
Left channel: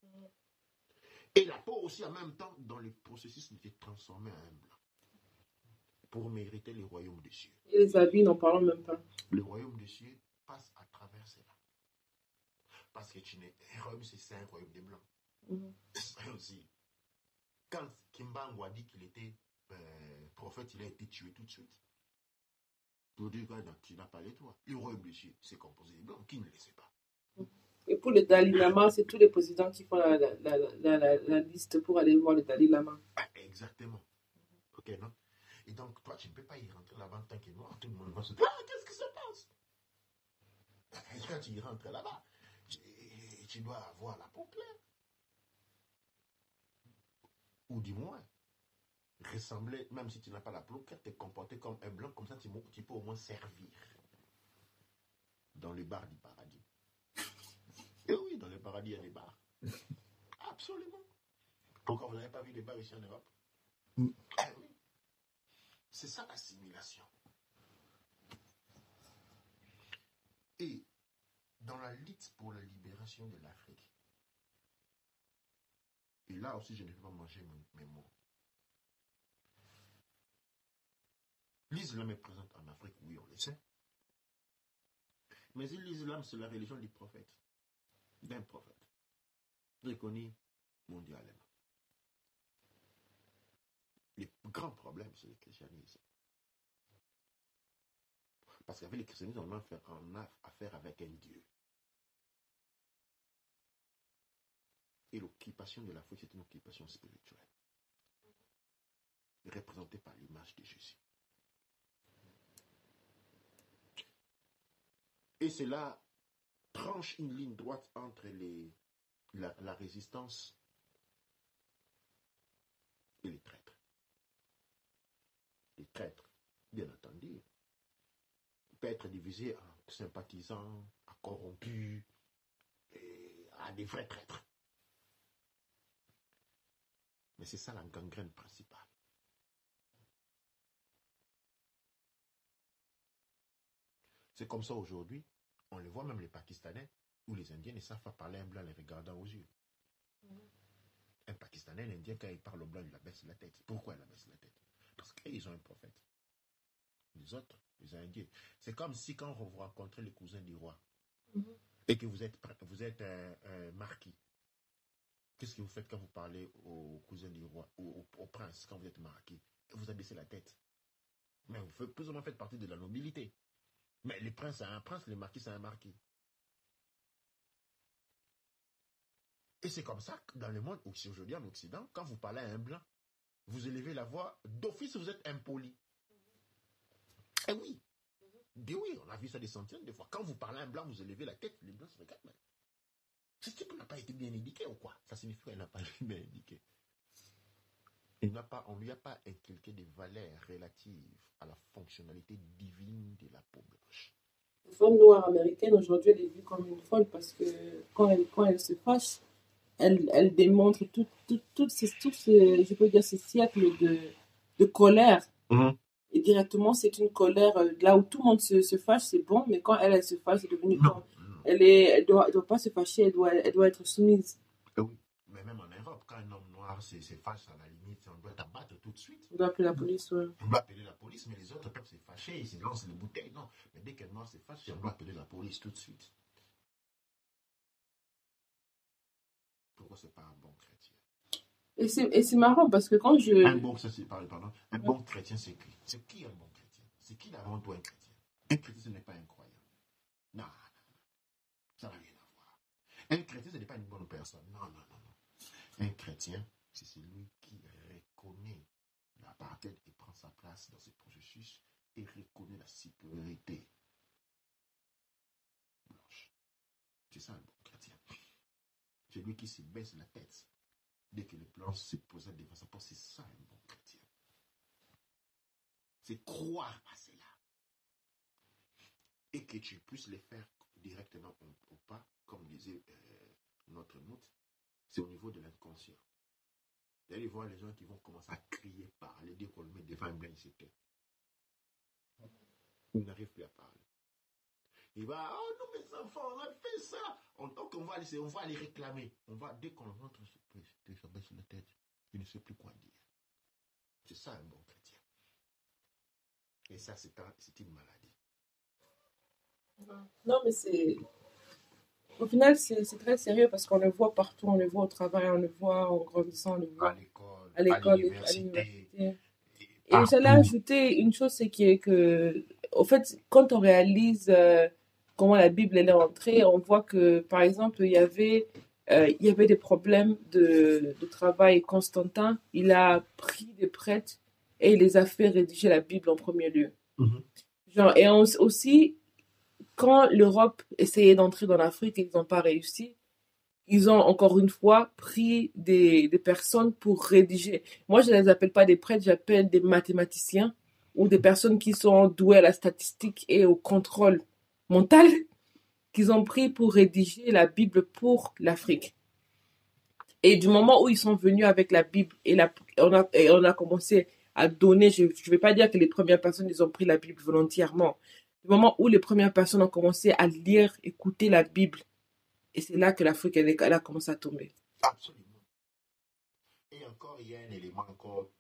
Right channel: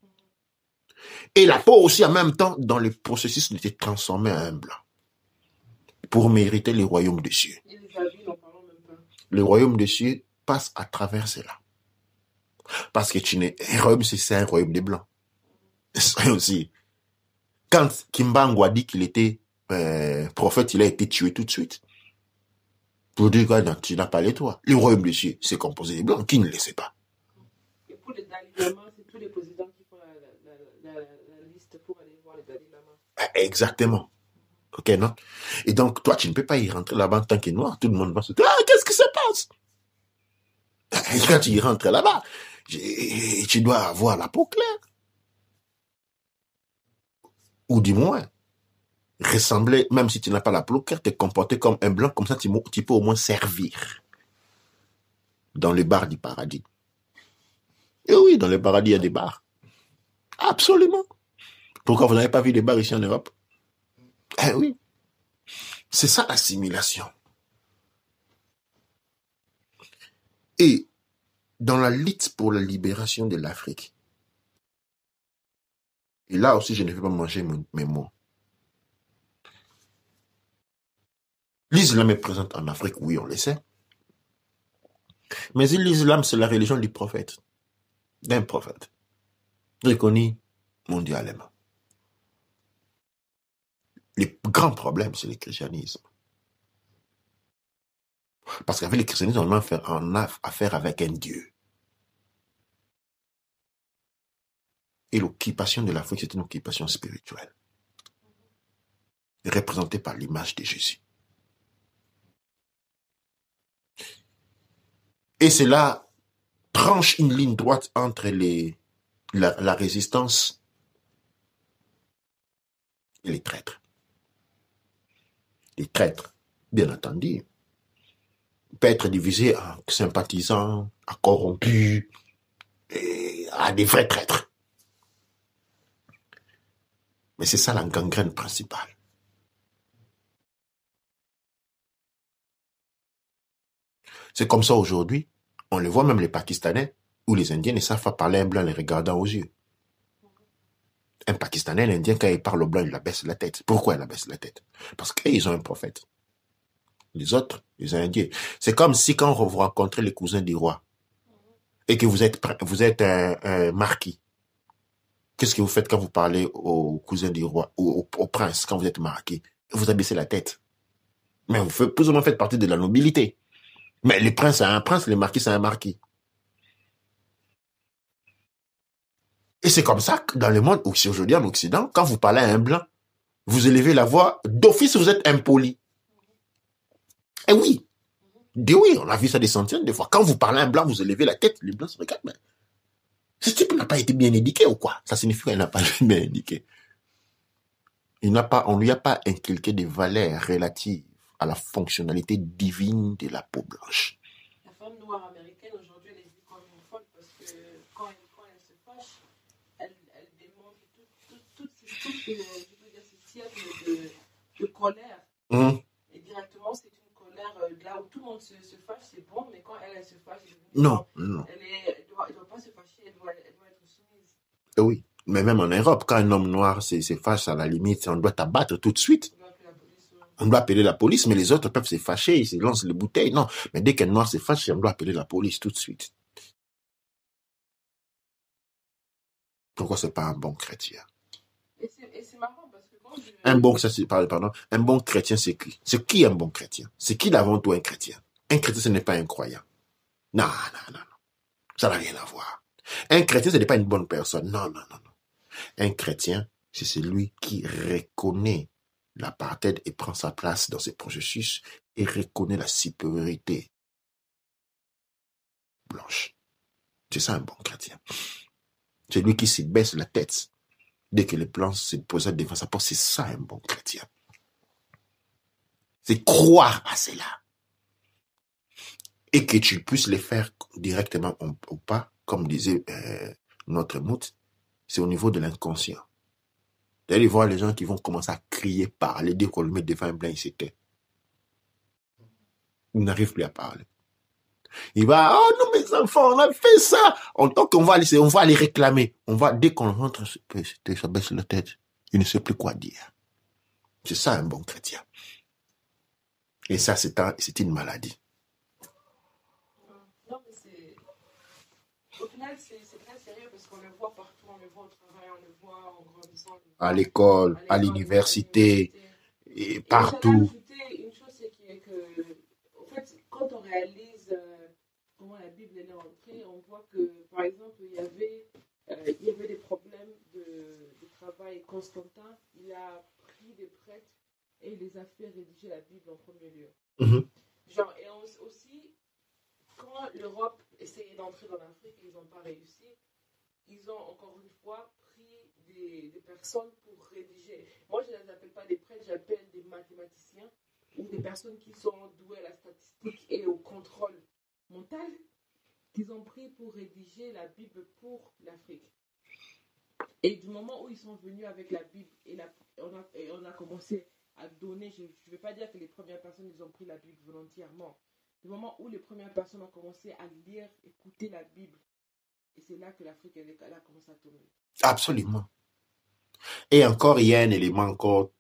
Et la peau aussi, en même temps, dans le processus de te transformer en un blanc. Pour mériter le royaume des cieux. Et les habits, n'en parlons même pas. Le royaume des cieux passe à travers cela. Parce que un royaume, c'est un royaume des blancs. C'est aussi. Quand Kimbangu a dit qu'il était prophète, il a été tué tout de suite. Pour dire que tu n'as pas les toits. Le royaume des cieux, c'est composé des blancs. Qui ne le sait pas? Et pour le Dalai Lama, c'est tous les présidents qui font la liste pour aller voir le Dalai Lama. Exactement. OK, non? Et donc, toi, tu ne peux pas y rentrer là-bas en tant que noir. Tout le monde va se dire, qu'est-ce qui se passe? Et quand tu y rentres là-bas, tu dois avoir la peau claire. Ou du moins, ressembler, même si tu n'as pas la peau claire, te comporter comme un blanc, comme ça, tu peux au moins servir dans les bars du paradis. Et oui, dans le paradis, il y a des bars. Absolument. Pourquoi vous n'avez pas vu des bars ici en Europe? Eh oui. C'est ça l'assimilation. Et dans la lutte pour la libération de l'Afrique, et là aussi je ne vais pas manger mes mots, L'islam est présent en Afrique, oui, on le sait. Mais l'islam, c'est la religion du prophète, d'un prophète, reconnu mondialement. Le grand problème, c'est le christianisme. Parce qu'avec le christianisme, on a affaire avec un Dieu. Et l'occupation de l'Afrique, c'est une occupation spirituelle, représentée par l'image de Jésus. Et cela tranche une ligne droite entre la résistance et les traîtres. Les traîtres, bien entendu, peuvent être divisés en sympathisants, à corrompus, et à des vrais traîtres. Mais c'est ça la gangrène principale. C'est comme ça aujourd'hui, on le voit même les Pakistanais ou les Indiens ne savent pas parler un blanc en les regardant aux yeux. Un Pakistanais, l'Indien, quand il parle au blanc, il abaisse la tête. Pourquoi il abaisse la tête? Parce qu'ils ont un prophète. Les autres, les Indiens. C'est comme si quand vous rencontrez les cousins du roi et que vous êtes un marquis, qu'est-ce que vous faites quand vous parlez aux cousins du roi ou au prince quand vous êtes marquis? Vous abaissez la tête. Mais vous faites plus ou moins partie de la nobilité. Mais les princes, c'est un prince, les marquis, c'est un marquis. Et c'est comme ça que dans le monde, aussi aujourd'hui en Occident, quand vous parlez à un blanc, vous élevez la voix, d'office vous êtes impoli. Eh oui, oui, on a vu ça des centaines de fois. Quand vous parlez à un blanc, vous élevez la tête, les blancs se regardent. Mais ce type n'a pas été bien éduqué ou quoi? Ça signifie qu'il n'a pas été bien éduqué. On ne lui a pas inculqué des valeurs relatives à la fonctionnalité divine de la peau blanche. La femme noire américaine, aujourd'hui, elle est vue comme une folle parce que quand elle se fâche, elle démontre tout ce, je peux dire, ce siècle de colère. Et directement, c'est une colère, là où tout le monde se fâche, c'est bon, mais quand elle se fâche, c'est devenu non. Elle doit pas se fâcher, elle doit être soumise. Oui, mais même en Europe, quand un homme noir se fâche, à la limite, on doit t'abattre tout de suite. On doit appeler la police, ouais. On doit appeler la police, mais les autres peuvent se fâcher, ils se lancent les bouteilles. Non, mais dès qu'un noir se fâche, on doit appeler la police tout de suite. Pourquoi c'est pas un bon chrétien? Et c'est marrant parce que quand je... Un bon chrétien, c'est qui? C'est qui un bon chrétien? C'est qui d'avant tout un chrétien? Un chrétien, ce n'est pas un croyant. Non. Ça n'a rien à voir. Un chrétien, ce n'est pas une bonne personne. Non. Un chrétien, c'est celui qui reconnaît l'apartheid et prend sa place dans ce processus et reconnaît la supériorité blanche. C'est ça un bon chrétien. C'est lui qui se baisse la tête dès que les blancs se posent devant sa porte. C'est ça un bon chrétien. C'est croire à cela. Et que tu puisses les faire directement ou pas, comme disait notre mout, c'est au niveau de l'inconscient. D'aller voir les gens qui vont commencer à crier, parler, dès qu'on le met devant un blanc, il se tait. Il n'arrive plus à parler. Il va, oh non mes enfants, on a fait ça. Donc on va aller réclamer. Dès qu'on rentre, ça baisse la tête. Il ne sait plus quoi dire. C'est ça un bon chrétien. Et ça, c'est une maladie. Non, mais au final, c'est très sérieux parce qu'on le voit partout, on le voit au travail, on le voit en grandissant, on le voit à l'école, à l'université, et partout. Et j'allais ajouter une chose, c'est que, au fait, quand on réalise comment la Bible elle est entrée, on voit que, par exemple, il y avait des problèmes de travail. Constantin, il a pris des prêtres et il les a fait rédiger la Bible en premier lieu. Genre, et aussi, quand l'Europe essayait d'entrer dans l'Afrique et qu'ils n'ont pas réussi, ils ont encore une fois pris des personnes pour rédiger. Moi, je ne les appelle pas des prêtres, j'appelle des mathématiciens ou des personnes qui sont douées à la statistique et au contrôle mental qu'ils ont pris pour rédiger la Bible pour l'Afrique. Et du moment où ils sont venus avec la Bible et on a commencé à donner, je ne vais pas dire que les premières personnes, ils ont pris la Bible volontairement. Du moment où les premières personnes ont commencé à lire, écouter la Bible, et c'est là que l'Afrique, elle a commencé à tomber. Absolument. Et encore, il y a un élément encore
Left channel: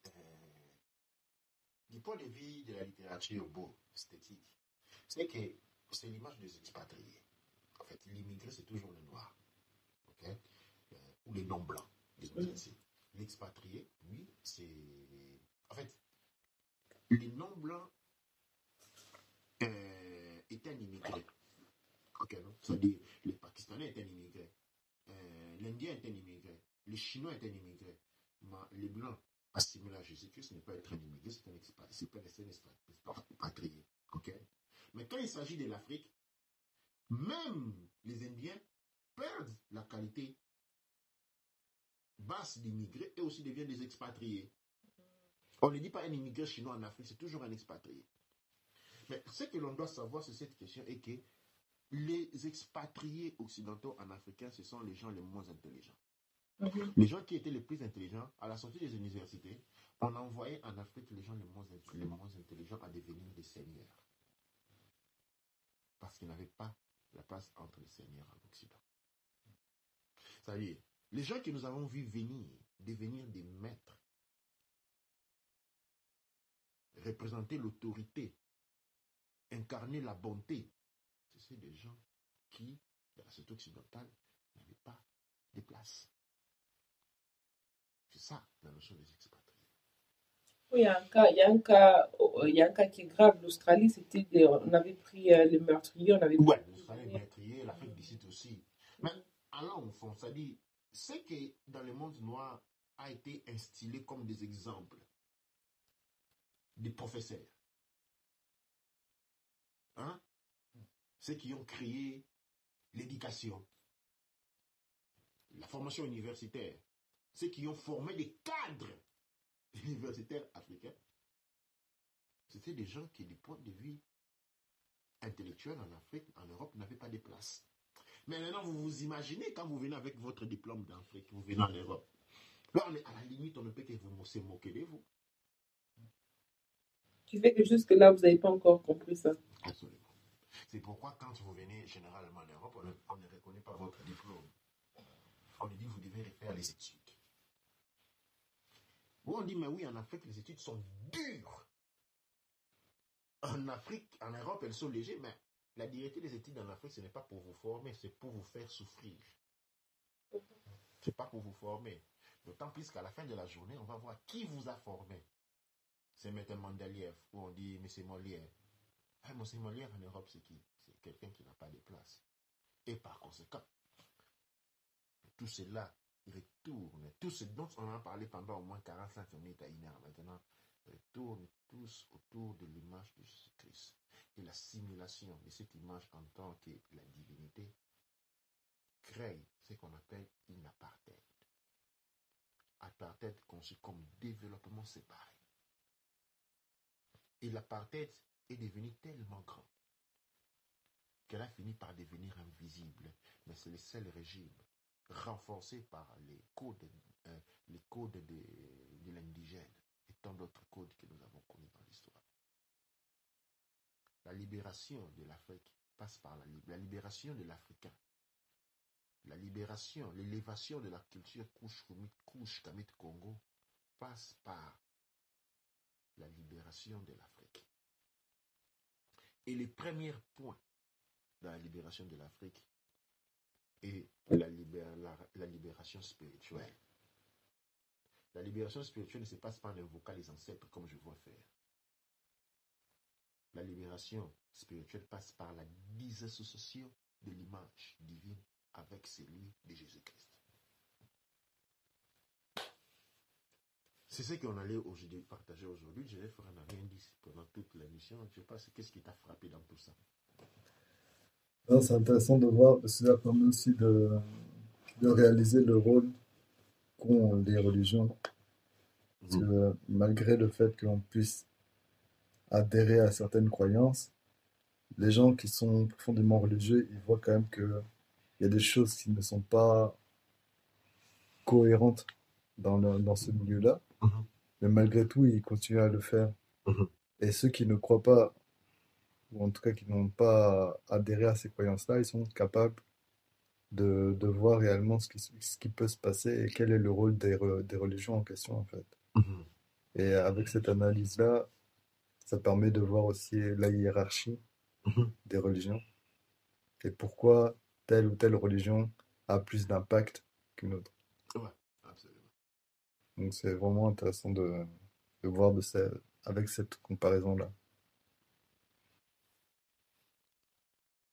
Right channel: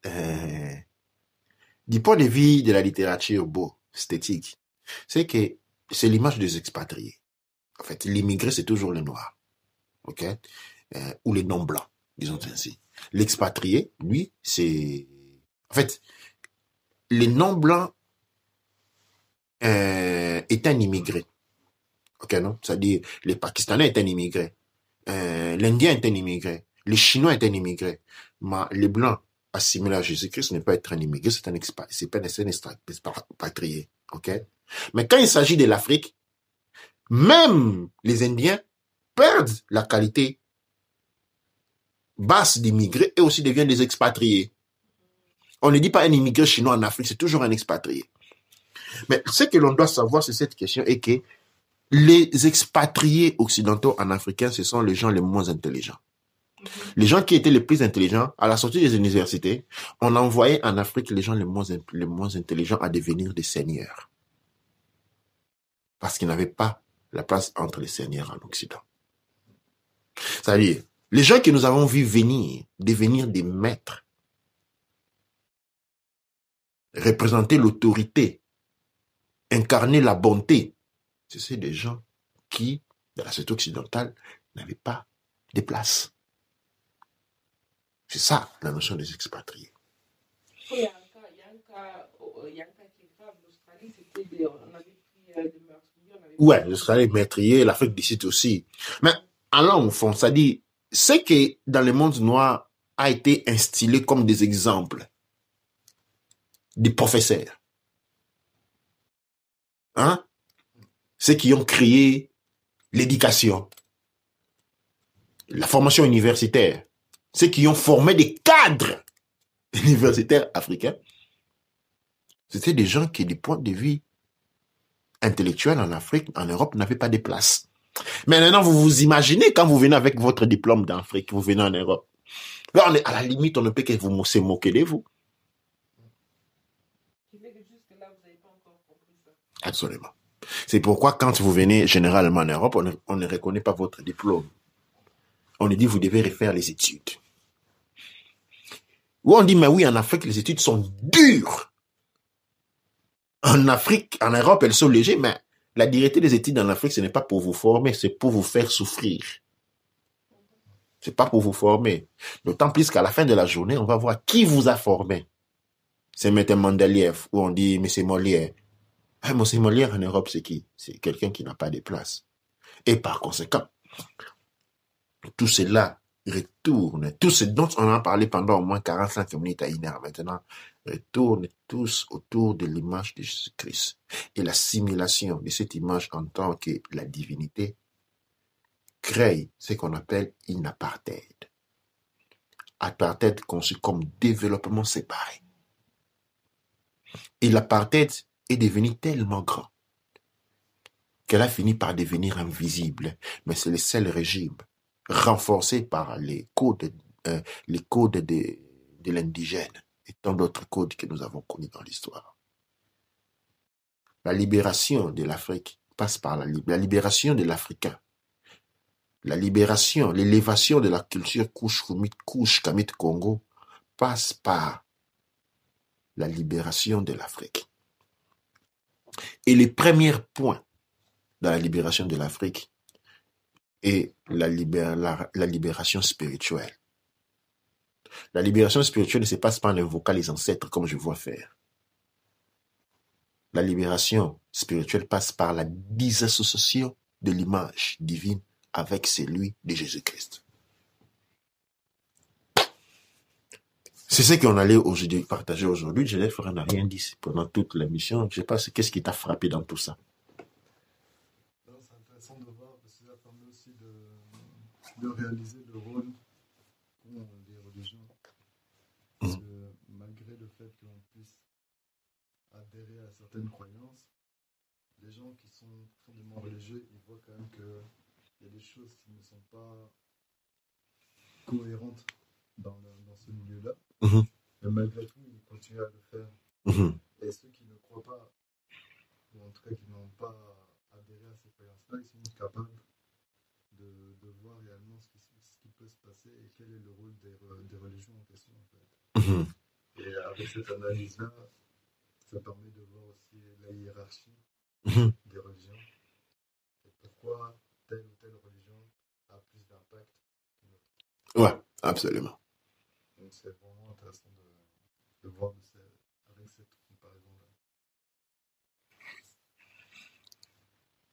du point de vue de la littérature beau, esthétique, c'est que c'est l'image des expatriés. En fait, l'immigré, c'est toujours les noirs, ok? Ou les non-blancs, disons ainsi. L'expatrié, lui, c'est... En fait, les non-blancs est un immigré, ok, non? C'est-à-dire, les Pakistanais est un immigré, l'Indien est un immigré, les Chinois est un immigré, mais les Blancs assimilés à Jésus-Christ n'est pas être un immigré, c'est un expatrié, ok? Mais quand il s'agit de l'Afrique, même les Indiens perdent la qualité basse d'immigrés et aussi deviennent des expatriés. On ne dit pas un immigré chinois en Afrique, c'est toujours un expatrié. Mais ce que l'on doit savoir sur cette question est que les expatriés occidentaux en africain, ce sont les gens les moins intelligents. Les gens qui étaient les plus intelligents, à la sortie des universités, on envoyait en Afrique les gens les moins intelligents à devenir des seigneurs. Parce qu'ils n'avaient pas la place entre les seigneurs en Occident. C'est-à-dire, les gens que nous avons vus devenir des maîtres, représenter l'autorité, incarner la bonté, c'est des gens qui, dans la société occidentale, n'avaient pas de place. C'est ça, la notion des expatriés. Il y a un cas qui est grave. L'Australie, on avait pris les meurtriers. Ouais, l'Australie, les meurtriers, l'Afrique du Sud aussi. Mais allons au fond, ça dit, ce qui, dans le monde noir, a été instillé comme des exemples, des professeurs. Hein? Ceux qui ont créé l'éducation, la formation universitaire, ceux qui ont formé des cadres universitaires africains, c'était des gens qui, du point de vue intellectuel en Afrique, en Europe, n'avaient pas de place. Mais maintenant, vous vous imaginez quand vous venez avec votre diplôme d'Afrique, vous venez en Europe. Là, à la limite, on ne peut que vous se moquer de vous. Tu fais que jusque-là, vous n'avez pas encore compris ça. Absolument. C'est pourquoi quand vous venez généralement en Europe, on ne reconnaît pas votre diplôme. On nous dit, vous devez refaire les études. Ou on dit, mais oui, en Afrique, les études sont dures. En Afrique, en Europe, elles sont légères, mais la dureté des études en Afrique, ce n'est pas pour vous former, c'est pour vous faire souffrir. C'est pas pour vous former. D'autant plus qu'à la fin de la journée, on va voir qui vous a formé. C'est M. Mendeleev, ou on dit M. Molière. M. Molière en Europe, c'est qui? C'est quelqu'un qui n'a pas de place. Et par conséquent, tout cela retourne, tout ce dont on a parlé pendant au moins 45 minutes à 1 heure maintenant, retourne tous autour de l'image de Jésus-Christ. Et l'assimilation de cette image en tant que la divinité crée ce qu'on appelle une apartheid. Apartheid conçu comme développement séparé. Et l'apartheid est devenu tellement grand qu'elle a fini par devenir invisible. Mais c'est le seul régime renforcé par les codes de l'indigène et tant d'autres codes que nous avons connus dans l'histoire. La libération de l'Afrique passe par la libération de l'Africain. La libération, l'élévation de la culture Kamit Congo passe par la libération de l'Afrique. Et les premiers points dans la libération de l'Afrique est la libération spirituelle. La libération spirituelle ne se passe pas en invoquant les ancêtres comme je vois faire. La libération spirituelle passe par la disassociation de l'image divine avec celui de Jésus-Christ. C'est ce qu'on allait partager aujourd'hui. Je n'a rien dit pendant toute l'émission. Je ne sais pas qu'est-ce qui t'a frappé dans tout ça. C'est intéressant de voir, parce que ça permet aussi de réaliser le rôle qu'ont les religions. Parce que malgré le fait que l'on puisse adhérer à certaines croyances, les gens qui sont profondément religieux, ils voient quand même qu'il y a des choses qui ne sont pas cohérentes dans ce milieu-là. Mais malgré tout, ils continuent à le faire. Et ceux qui ne croient pas, ou en tout cas qui n'ont pas adhéré à ces croyances-là, ils sont capables de voir réellement ce qui peut se passer et quel est le rôle des religions en question, en fait. Et avec cette analyse-là, ça permet de voir aussi la hiérarchie Mhm. des religions et pourquoi telle ou telle religion a plus d'impact qu'une autre. Ouais, absolument. Donc c'est vraiment intéressant de voir avec cette comparaison-là.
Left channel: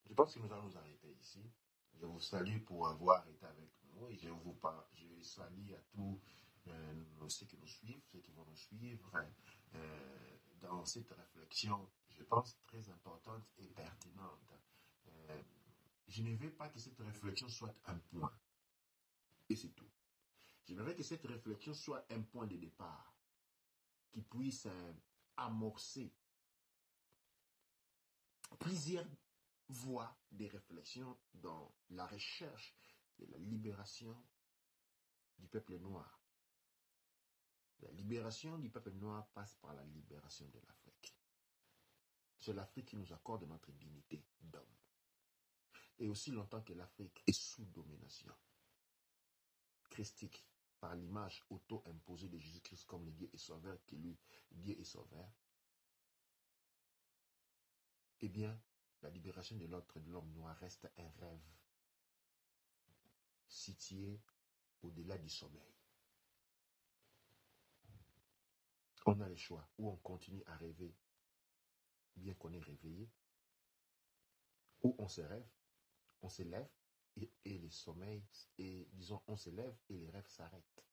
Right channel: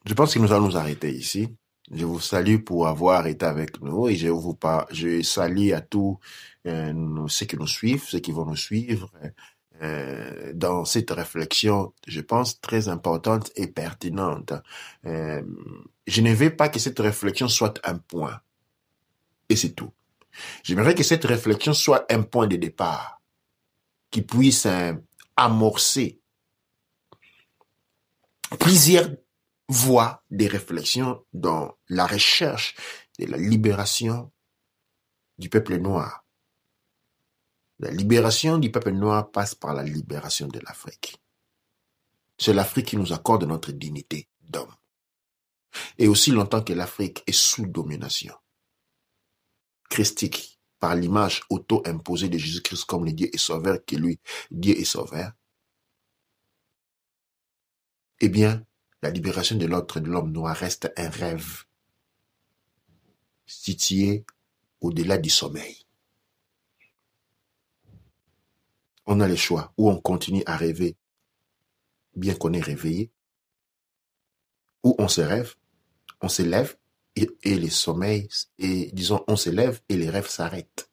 Je pense que nous allons nous arrêter ici. Je vous salue pour avoir été avec nous et je salue à tous ceux qui nous suivent, ceux qui vont nous suivre dans cette réflexion, je pense, très importante et pertinente. Je ne veux pas que cette réflexion soit un point et c'est tout. J'aimerais que cette réflexion soit un point de départ qui puisse amorcer plusieurs voies des réflexions dans la recherche de la libération du peuple noir. La libération du peuple noir passe par la libération de l'Afrique. C'est l'Afrique qui nous accorde notre dignité d'homme. Et aussi longtemps que l'Afrique est sous domination christique, par l'image auto-imposée de Jésus-Christ comme le Dieu et Sauveur, qui lui, Dieu et Sauveur, eh bien, la libération de l'homme noir reste un rêve situé au-delà du sommeil. On a le choix, ou on continue à rêver, bien qu'on est réveillé, ou on se rêve, on se lève, et les sommeils, et disons, on se lève et les rêves s'arrêtent.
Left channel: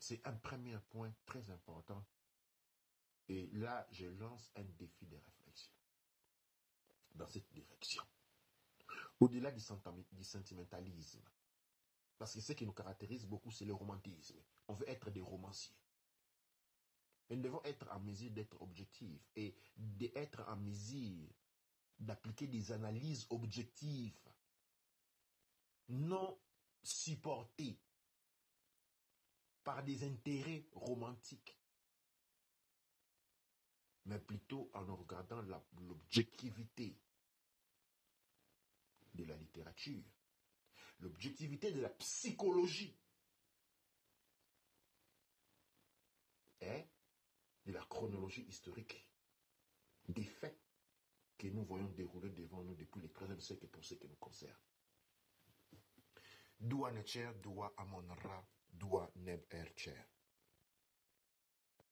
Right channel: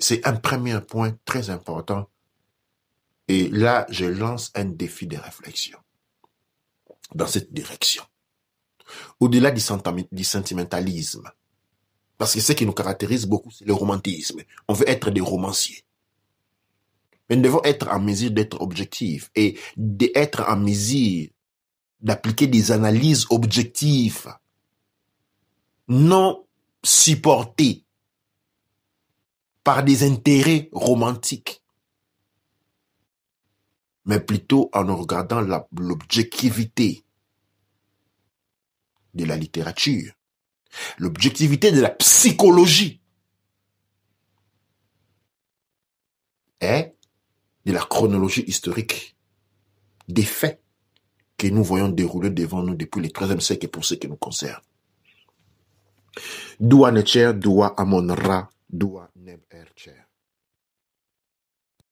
C'est un premier point très important. Et là, je lance un défi de réflexion dans cette direction. Au-delà du sentimentalisme, parce que ce qui nous caractérise beaucoup, c'est le romantisme. On veut être des romanciers. Mais nous devons être en mesure d'être objectifs et d'être en mesure d'appliquer des analyses objectives, non supportées par des intérêts romantiques, mais plutôt en regardant l'objectivité de la littérature, l'objectivité de la psychologie et de la chronologie historique des faits que nous voyons dérouler devant nous depuis le XIIIe siècle pour ce qui nous concerne. Dua Necher, Dua Amon Ra, Dua Neb Ercher.